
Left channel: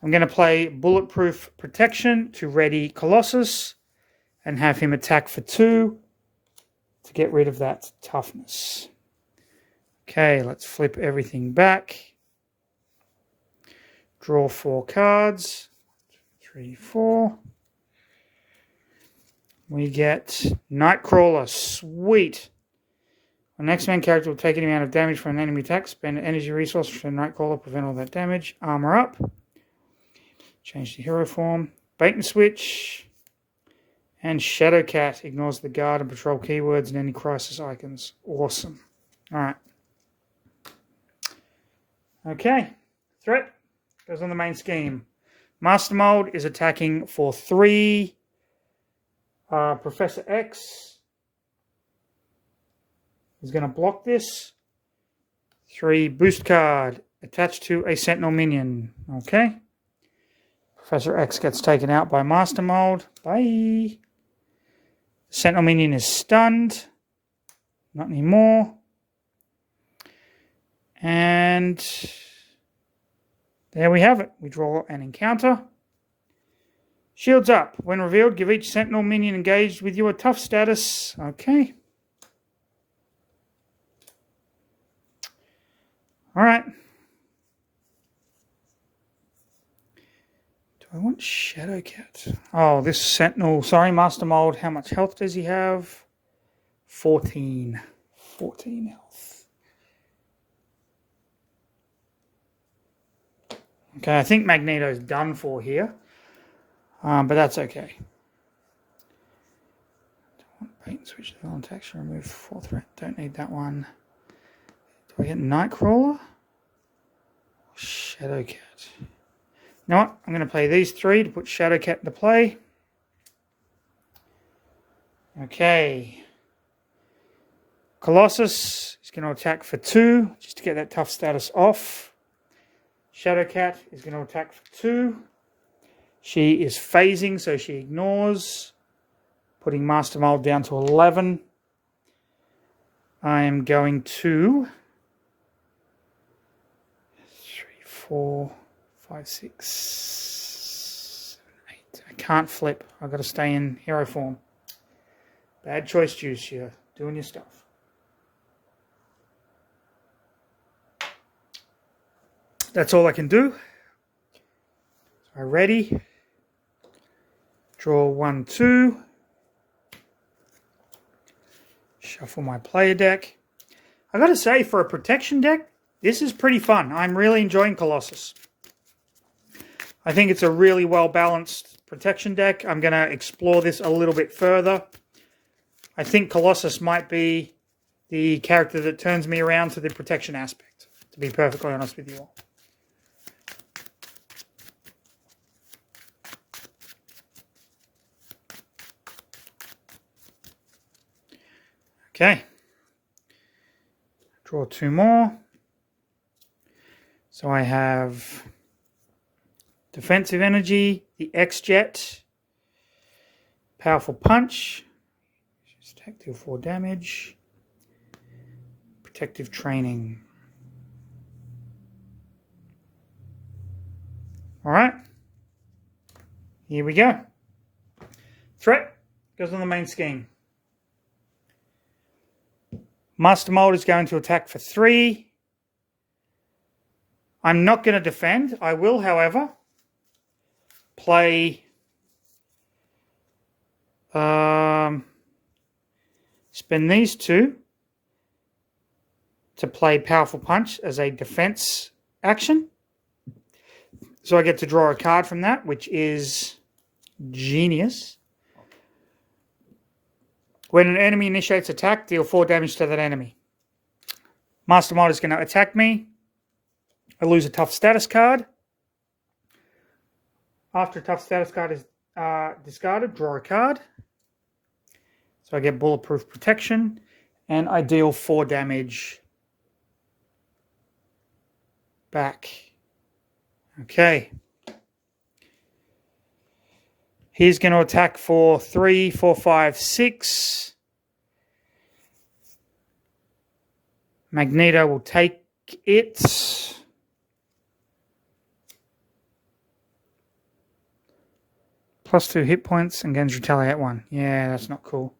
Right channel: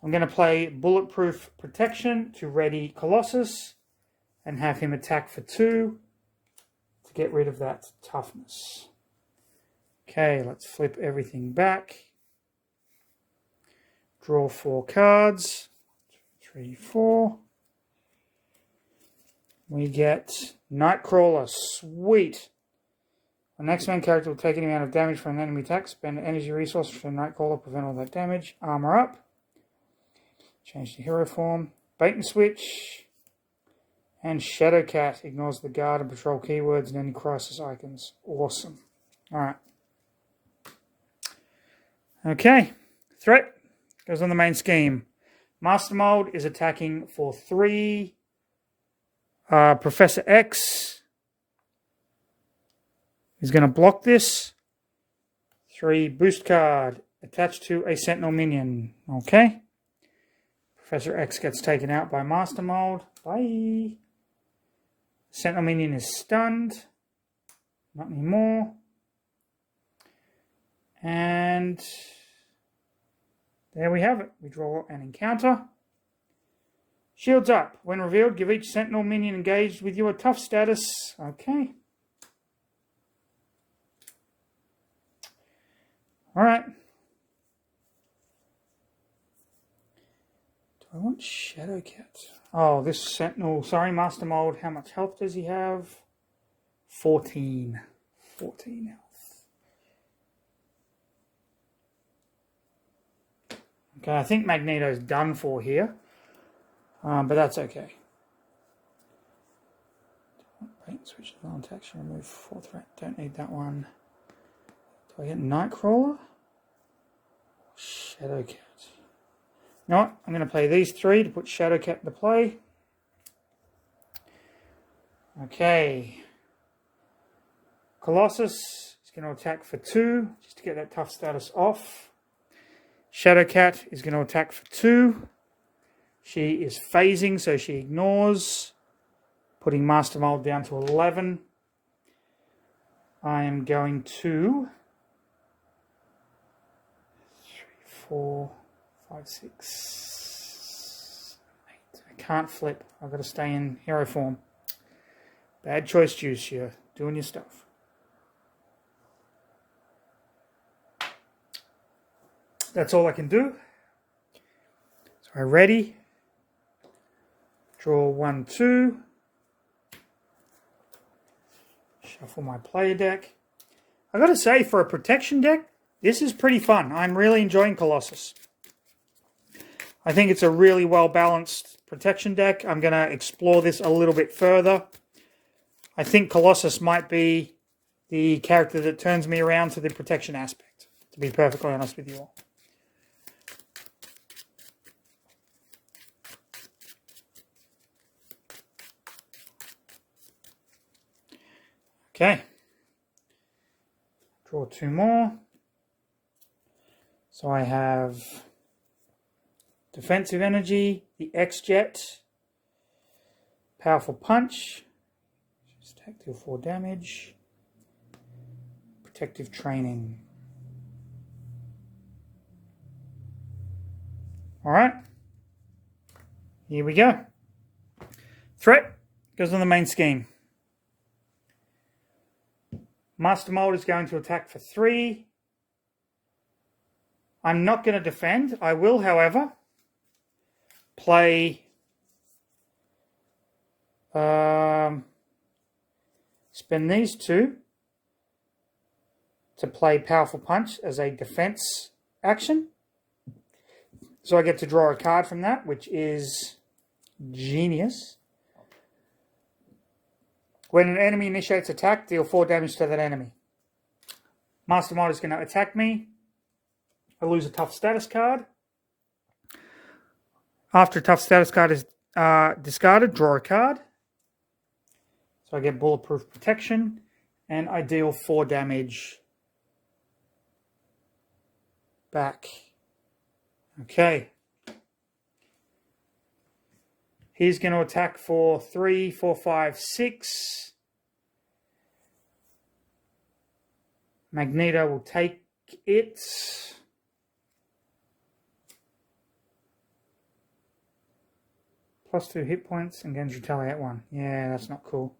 I'm going to play Bulletproof Protection to ready Colossus and have him attack for 2 to get rid of that toughness. Okay, let's flip everything back. Draw 4 cards. 3, 4. We get Nightcrawler. Sweet. An X-Men character will take any amount of damage from an enemy attack. Spend an energy resource for Nightcrawler. Prevent all that damage. Armor up. Change the hero form. Bait and switch. And Shadowcat ignores the guard and patrol keywords and any crisis icons. Awesome. Alright. Okay. Threat goes on the main scheme. Master Mold is attacking for 3. Professor X is going to block this. 3 boost card attached to a Sentinel minion. Okay. Professor X gets taken out by Master Mold. Bye. Sentinel minion is stunned. Not anymore. And there we have it. We draw an encounter. Shields up. When revealed, give each Sentinel minion engaged with you a tough status. Okay. Alright. Do I want Shadowcat? Oh, this Sentinel. Sorry, Master Mold. How much health does he have? 14. 14 health. Okay, I think Magneto's done for here. But that's okay. Bait Switch the villain text and remove 4 threat. Don't need that one. Do I get Nightcrawler? Shadowcat. You know what? I'm going to play these 3 to put Shadowcat into play. Okay. Colossus is going to attack for 2, just to get that tough status off. Shadowcat is going to attack for 2. She is phasing, so she ignores, putting Master Mold down to 11. I am going to 3, 4, 5, 6, 7, 8. I can't flip. I've got to stay in hero form. Bad choice, Juice. You're doing your stuff. That's all I can do. So ready. Draw 1, 2. Shuffle my player deck. I got to say, for a protection deck, this is pretty fun. I'm really enjoying Colossus. I think it's a really well-balanced protection deck. I'm going to explore this a little bit further. I think Colossus might be the character that turns me around to the protection aspect, to be perfectly honest with you all. Okay. Draw 2 more. So I have defensive energy, the X-Jet, powerful punch, attack, deal 4 damage, protective training. All right. Here we go. Threat goes on the main scheme. Master Mold is going to attack for 3. I'm not going to defend. I will, however, play spend these 2 to play Powerful Punch as a defense action. So I get to draw a card from that, which is genius. When an enemy initiates attack, deal 4 damage to that enemy. Master Mold is going to attack me. I lose a tough status card. After a tough status card is discarded, draw a card. So I get bulletproof protection, and I deal 4 damage back. Okay. He's going to attack for 3, 4, 5, 6. Magneto will take it. +2 hit points and gains retaliate 1. Yeah, that's not cool.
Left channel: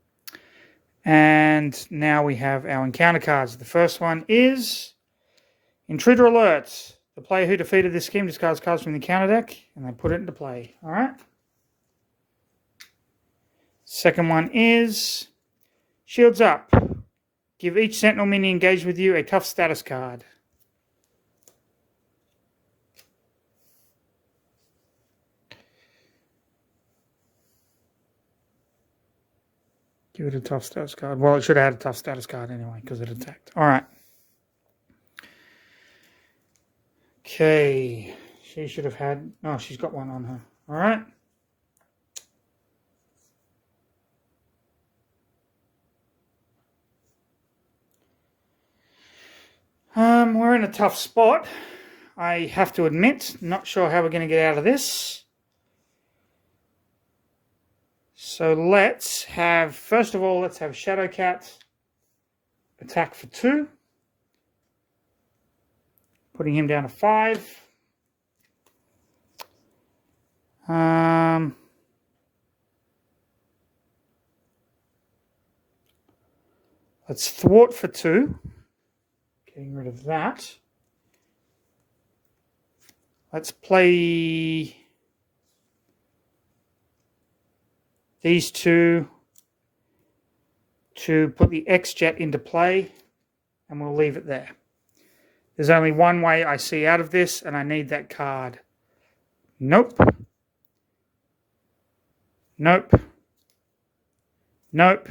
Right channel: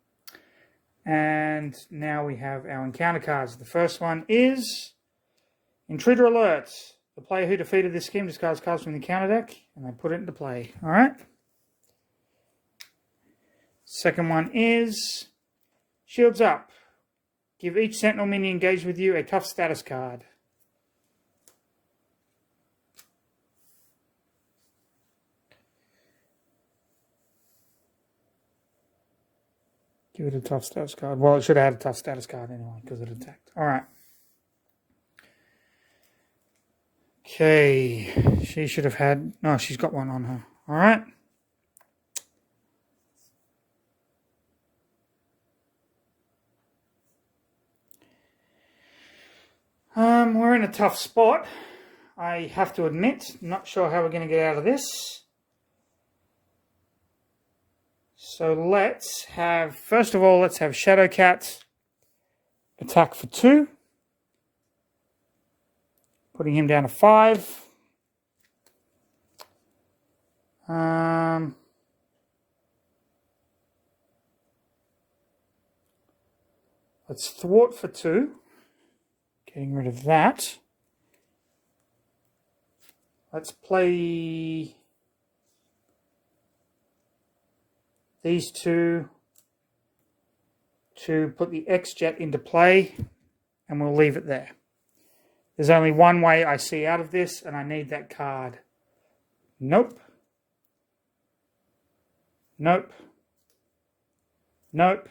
And now we have our encounter cards. The first one is Intruder Alert. The player who defeated this scheme discards cards from the encounter deck and they put it into play. All right. Second one is Shields Up. Give each Sentinel minion engaged with you a tough status card. Give it a tough status card. Well, it should have had a tough status card anyway because it attacked. All right. Okay. She should have had... No, she's got one on her. All right. We're in a tough spot. I have to admit. Not sure how we're going to get out of this. So let's have, first of all, let's have Shadowcat attack for 2. Putting him down to 5. Let's thwart for 2. Getting rid of that. Let's play these 2 to put the X-Jet into play, and we'll leave it there. There's only one way I see out of this, and I need that card. Nope. Nope. Nope.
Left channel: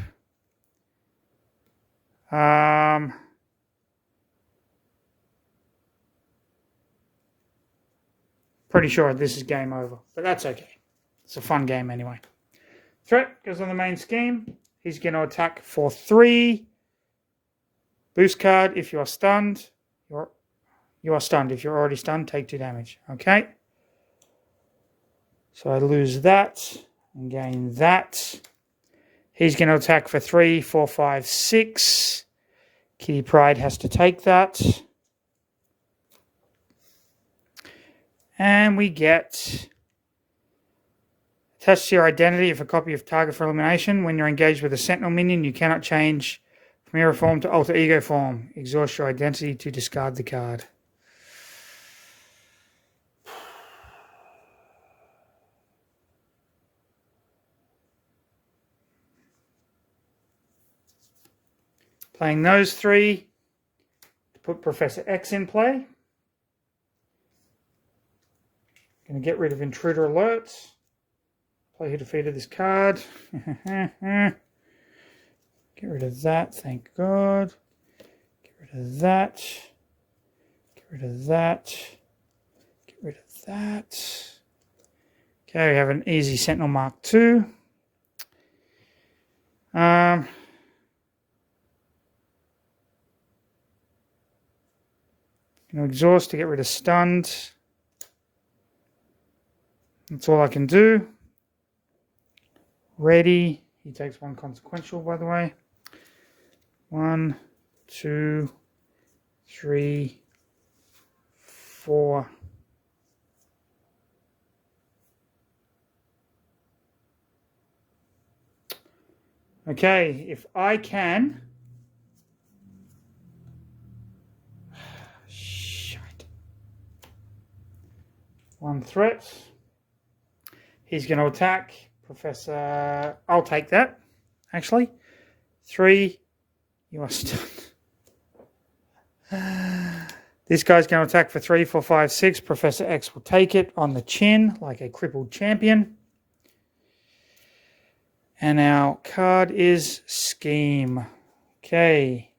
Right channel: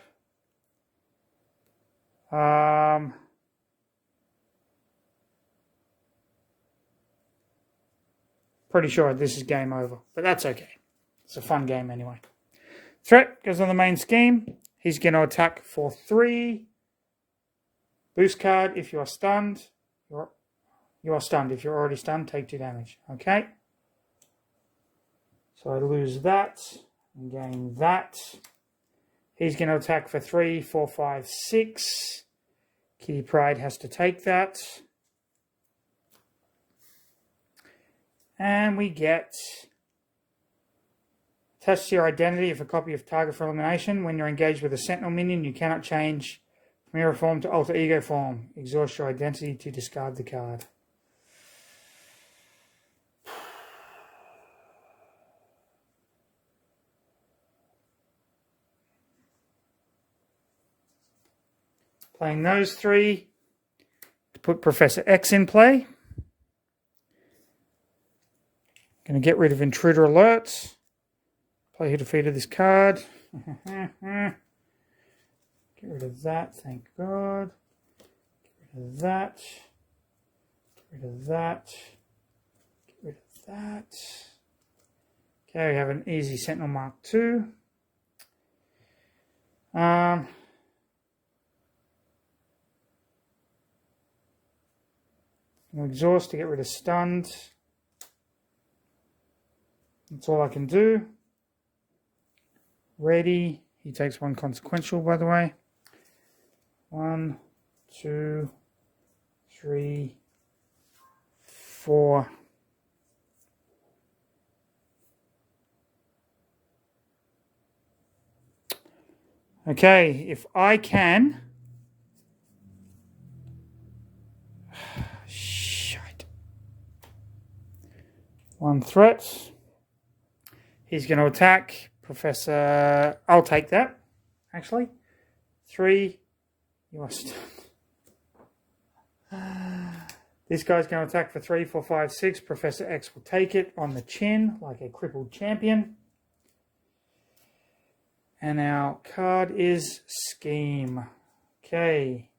Pretty sure this is game over, but that's okay. It's a fun game anyway. Threat goes on the main scheme. He's going to attack for 3. Boost card if you are stunned. You are stunned. If you're already stunned, take 2 damage. Okay. So I lose that and gain that. He's going to attack for 3, 4, 5, 6. Kitty Pryde has to take that. And we get attached to your identity if a copy of target for elimination. When you're engaged with a sentinel minion, you cannot change from hero form to alter ego form. Exhaust your identity to discard the card. Playing those 3 to put Professor X in play. Going to get rid of intruder alerts. Play who defeated this card. Get rid of that, thank God. Get rid of that. Get rid of that. Get rid of that. Okay, we have an easy Sentinel Mark II. Going to exhaust to get rid of stunned. That's all I can do. Ready. He takes 1 consequential, by the way. 1, 2, 3, 4. Okay, if I can. Shit. 1 threat. He's going to attack Professor. I'll take that, actually. 3. You are stunned. This guy's going to attack for 3, 4, 5, 6. Professor X will take it on the chin like a crippled champion. And our card is Scheme. Okay.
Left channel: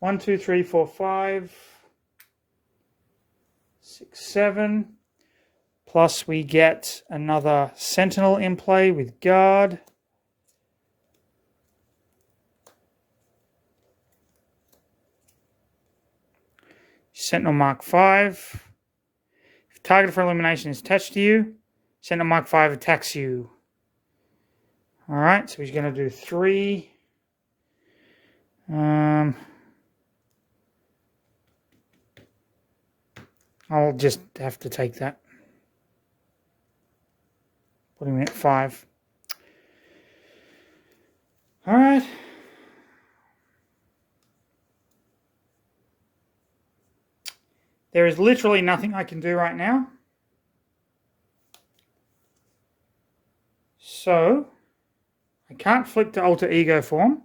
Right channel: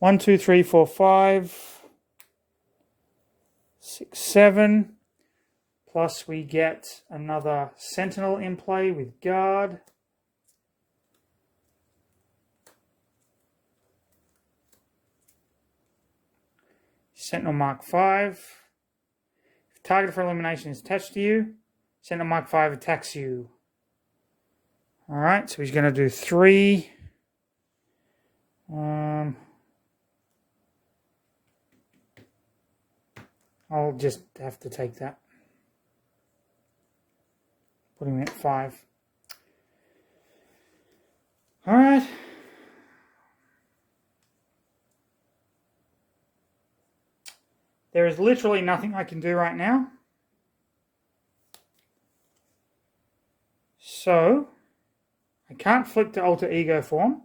1, 2, 3, 4, 5, 6, 7. Plus we get another Sentinel in play with Guard. Sentinel Mark 5. If target for elimination is attached to you, Sentinel Mark 5 attacks you. Alright, so he's going to do 3. I'll just have to take that. Put him at 5. Alright. There is literally nothing I can do right now. So, I can't flip to alter ego form.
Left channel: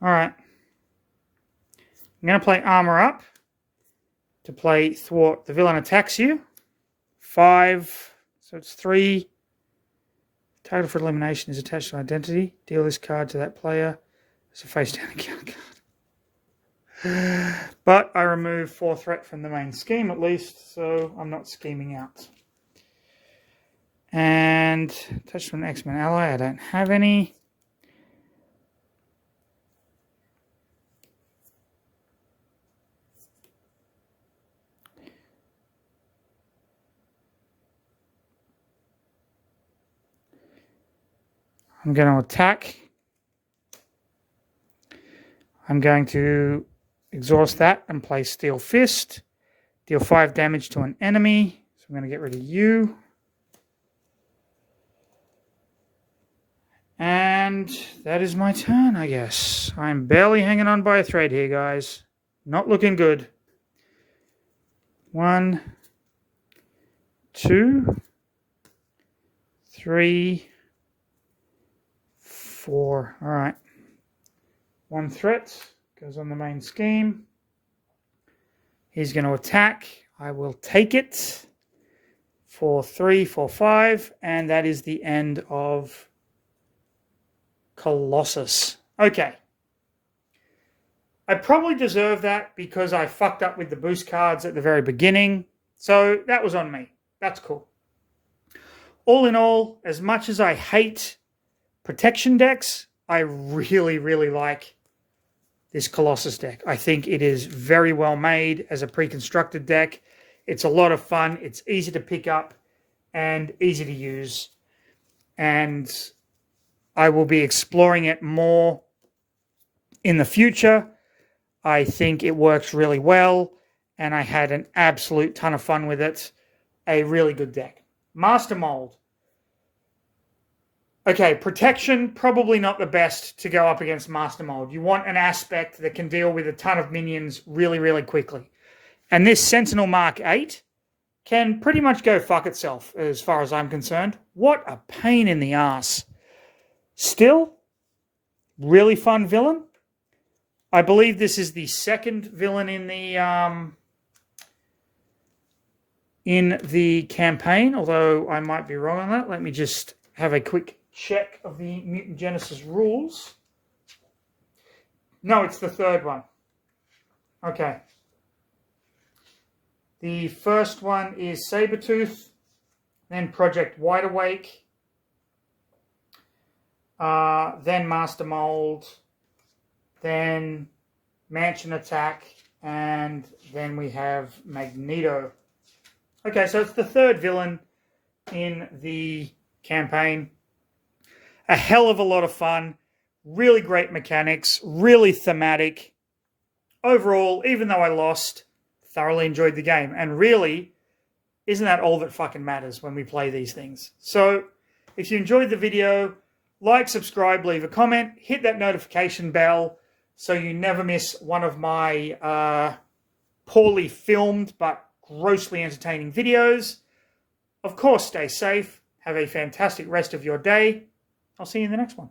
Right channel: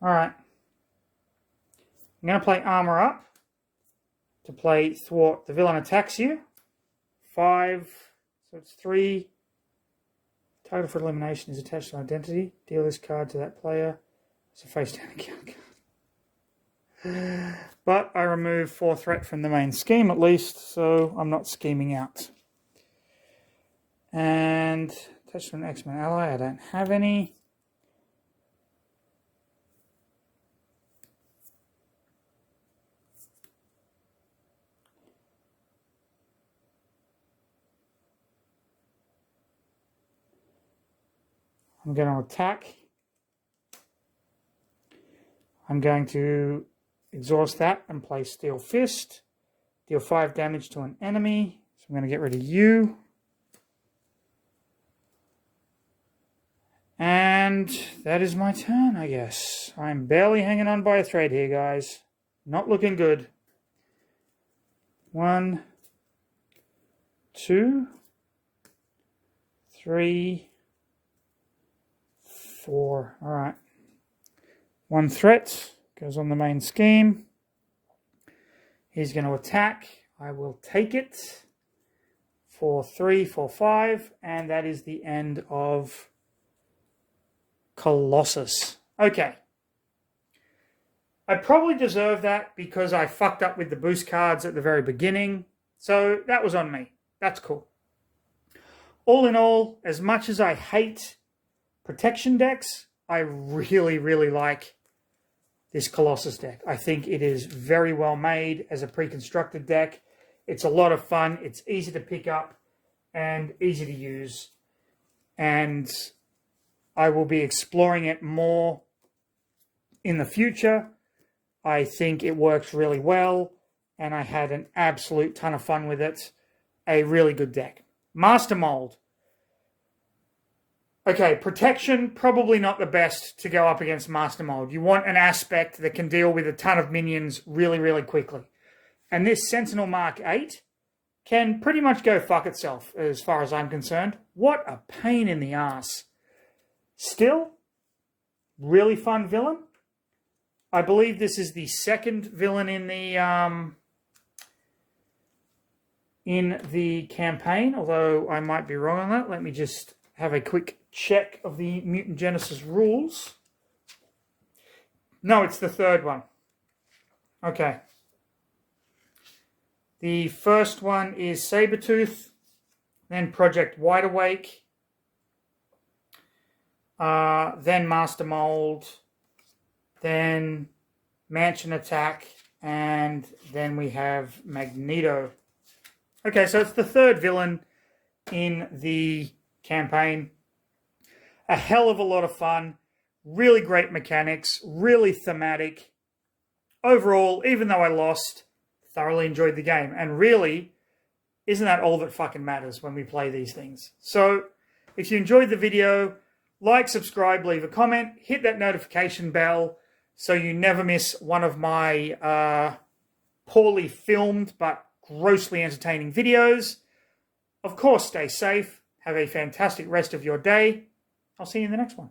Alright. I'm going to play Armor Up to play Thwart. The villain attacks you. 5. So it's 3. Target for elimination is attached to identity. Deal this card to that player. It's a face down account card. But I remove 4 threat from the main scheme at least, so I'm not scheming out. And attached to an X-Men ally. I don't have any. I'm going to attack. I'm going to exhaust that and play Steel Fist. Deal 5 damage to an enemy. So I'm going to get rid of you. And that is my turn, I guess. I'm barely hanging on by a thread here, guys. Not looking good. 1, 2, 3, 4. All right. 1 threat goes on the main scheme. He's going to attack I will take it for 3, 4, 5, and that is the end of Colossus. Okay. I probably deserve that because I fucked up with the boost cards at the very beginning. So that was on me. That's cool. All in all, as much as I hate protection decks, I really, really like this Colossus deck. I think it is very well made as a pre-constructed deck. It's a lot of fun. It's easy to pick up and easy to use. And I will be exploring it more in the future. I think it works really well, and I had an absolute ton of fun with it. A really good deck. Master Mold. Okay, protection, probably not the best to go up against Master Mold. You want an aspect that can deal with a ton of minions really, really quickly. And this Sentinel Mark 8 can pretty much go fuck itself, as far as I'm concerned. What a pain in the ass. Still, really fun villain. I believe this is the second villain in the campaign, although I might be wrong on that. Let me just have a quick check of the Mutant Genesis rules. No, it's the third one. Okay. The first one is Sabretooth, then Project Wide Awake, then Master Mold, then Mansion Attack, and then we have Magneto. Okay, so it's the third villain in the campaign. A hell of a lot of fun, really great mechanics, really thematic. Overall, even though I lost, thoroughly enjoyed the game. And really, isn't that all that fucking matters when we play these things? So, if you enjoyed the video, like, subscribe, leave a comment, hit that notification bell so you never miss one of my poorly filmed but grossly entertaining videos. Of course, stay safe. Have a fantastic rest of your day. I'll see you in the next one.